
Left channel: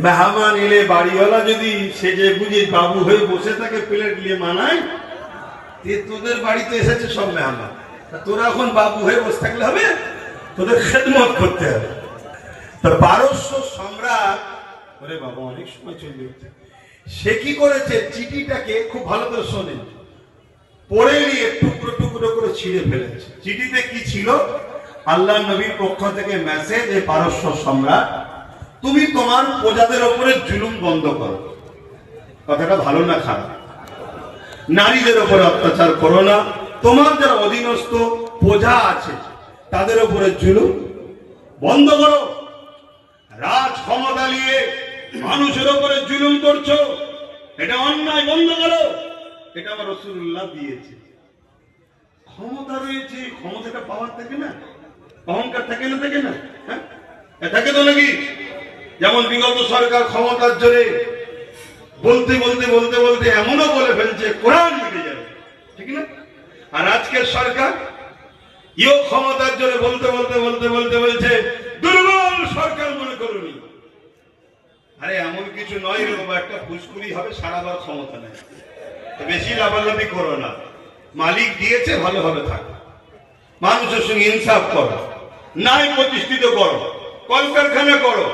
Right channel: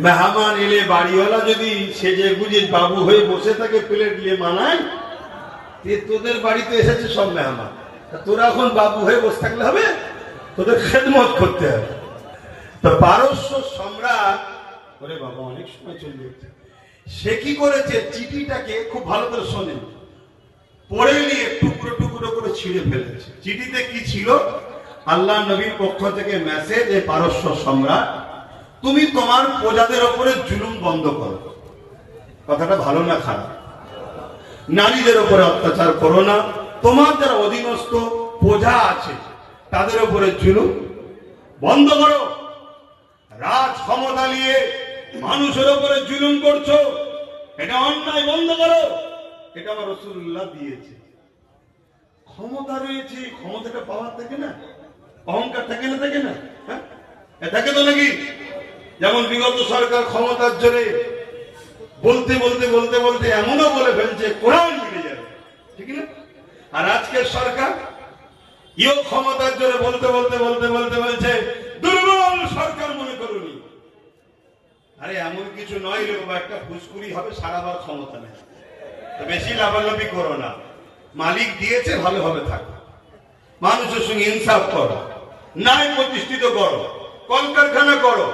মেহমান এলে বাড়িওয়ালা যদি সেজে বুঝে বাবু হয়ে বসে থাকে, প্লেট নিয়ে মানায়, তোদের বাড়িতে এসেছে সব মেহমান, তোরা এখন বাবু হয়ে বসে থাকলে হবে? তোদের খেদমত করতে হবে। তো পারস্য সম্রাট, ওরে বাবা অনেক সময় চলে যাচ্ছে, সে কি করেছে, চিঠিটাকে খুব ভালো করে শোনেন, পড়ে নিয়ে টুকরো টুকরো করে ছিঁড়ে ফেলেছে। চিঠিতে কি ছিল? আল্লাহ নবীর পক্ষ থেকে মেসেজ, এ পারস্য সম্রাট, তুমি তোমার প্রজাদের উপরে জুলুম বন্ধ করো। কথাটা ভালো না খারাপ? নারীদের উপরে অত্যাচার করো না, তোমার যারা অধীনস্থ প্রজা আছে তাদের উপরে জুলুম বন্ধ করো। রাজ ক্ষমতা নিয়ে মানুষের উপরে জুলুম করছো, এটা অন্যায়, বন্ধ করো। এটা আমার রাসূলুল্লাহ দিয়েছে। ক্ষমতা রয়েছে, ক্ষমতাটা পাওয়ার থাকে না, অহংকার থাকে না, থাকে না? হ্যাঁ, থাকে তো নাকি? যেমন বিগত সরকার ক্ষমতার জোরে বলতে বলতে বলতে বলতে এমনও বলে ফেলছে কোরআন মিটে যাবে, ঠিক না? আর আজকের সরকার ইও ক্ষমতার জোরে বলতে বলতে বলতে বলতে বলছে দুর্বল সরকার মনে করুনি। আরে এমন কিছু নয় রে বাবা, একটা ফুসকুড়ি হবে, সারাবার ক্ষমতা নেই। বেশি লাভালাভি করো না, মালিক দিয়েছে ভালোভাবে থাকো, মানুষের সঙ্গে ইনসাফ করো, ন্যায় প্রতিষ্ঠিত করো, কলকারখানা করো।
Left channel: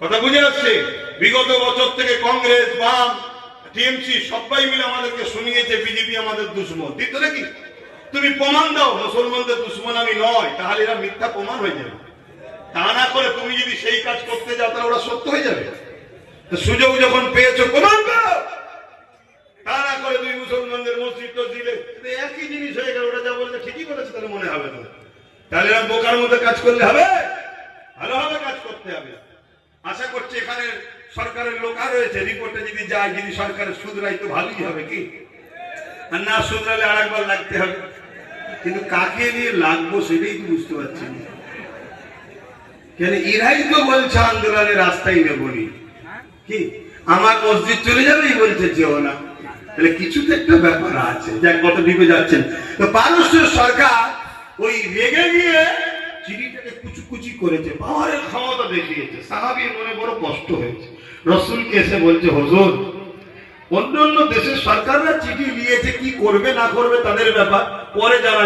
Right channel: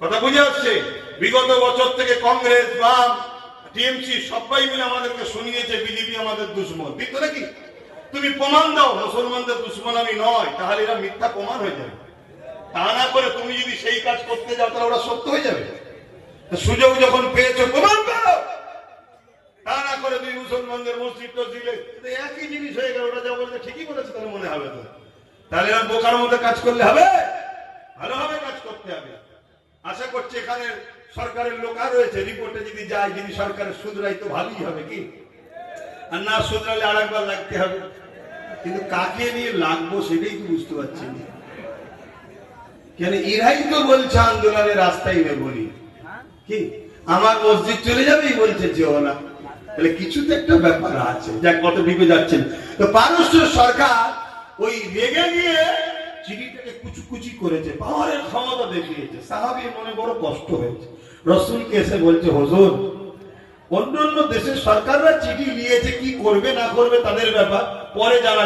কথা বুঝে আসছে? বিগত বছর থেকে কংগ্রেস, বাম, টিএমসি সবাই মিলে আমাদেরকে শুনিয়েছে বিজেপি আমাদের দুশ্মন। দিত নাকি? তুমি প্রমাণ দাও মুসলমানদের দুশ্মন আমি নয়, তাহলে এরা মিথ্যা প্রমাণ হয়ে যাবে। তা না করে তুমি যদি সেই কাজ করতে যাও তাহলে ওরা সত্য হয়ে যাবে। তো সুযোগ যখন পেয়েছো প্রমাণ দাও। তা না করে তুমি মুসলমানদের মসজিদ টসজিদে একই জিনিস হয়ে গেল, ওরা যা বলছে ঠিকই বলেছে তাহলে মনে হবে তো। তাহলে এরা বোকার মতো কাজ করলে হবে? ভালোভাবে কাজ করতে হবে। আশা করছি এখানে সরকারের লোক আর রয়েছে, রিপোর্টে যদি যায়, যদি সরকারের শুধরাই তো ভালোই হবে, কি? আর না শুধরালে আর একবার লাগতে হবে। কিন্তু কাকে নিয়ে লাগবো সেটাই তো বুঝতে পারছি না। কেন এরাই তো বলছে আন্দোলনের রাস্তায় নেবনি, কি আমার মসজিদ চলে যাবে, এই বলছে যেও না। তাহলে কিছু তো একটা ব্যাপার আছে, যাক কত ডিপে যাচ্ছেন। তো পারস্য সরকার ওই রেগে গিয়ে চিঠিটাকে কুচি করেছে, পাওয়ারের ক্ষমতা দেখিয়েছে। সাহাবীর মনে বড় কষ্ট হয়েছে, রাসূলকে এসে বলছে, হুজুর অন্য অন্য দেশের সরকাররা চিঠি নিয়েছে, কি করবে না করবে তাদের ব্যাপার, পরে যারা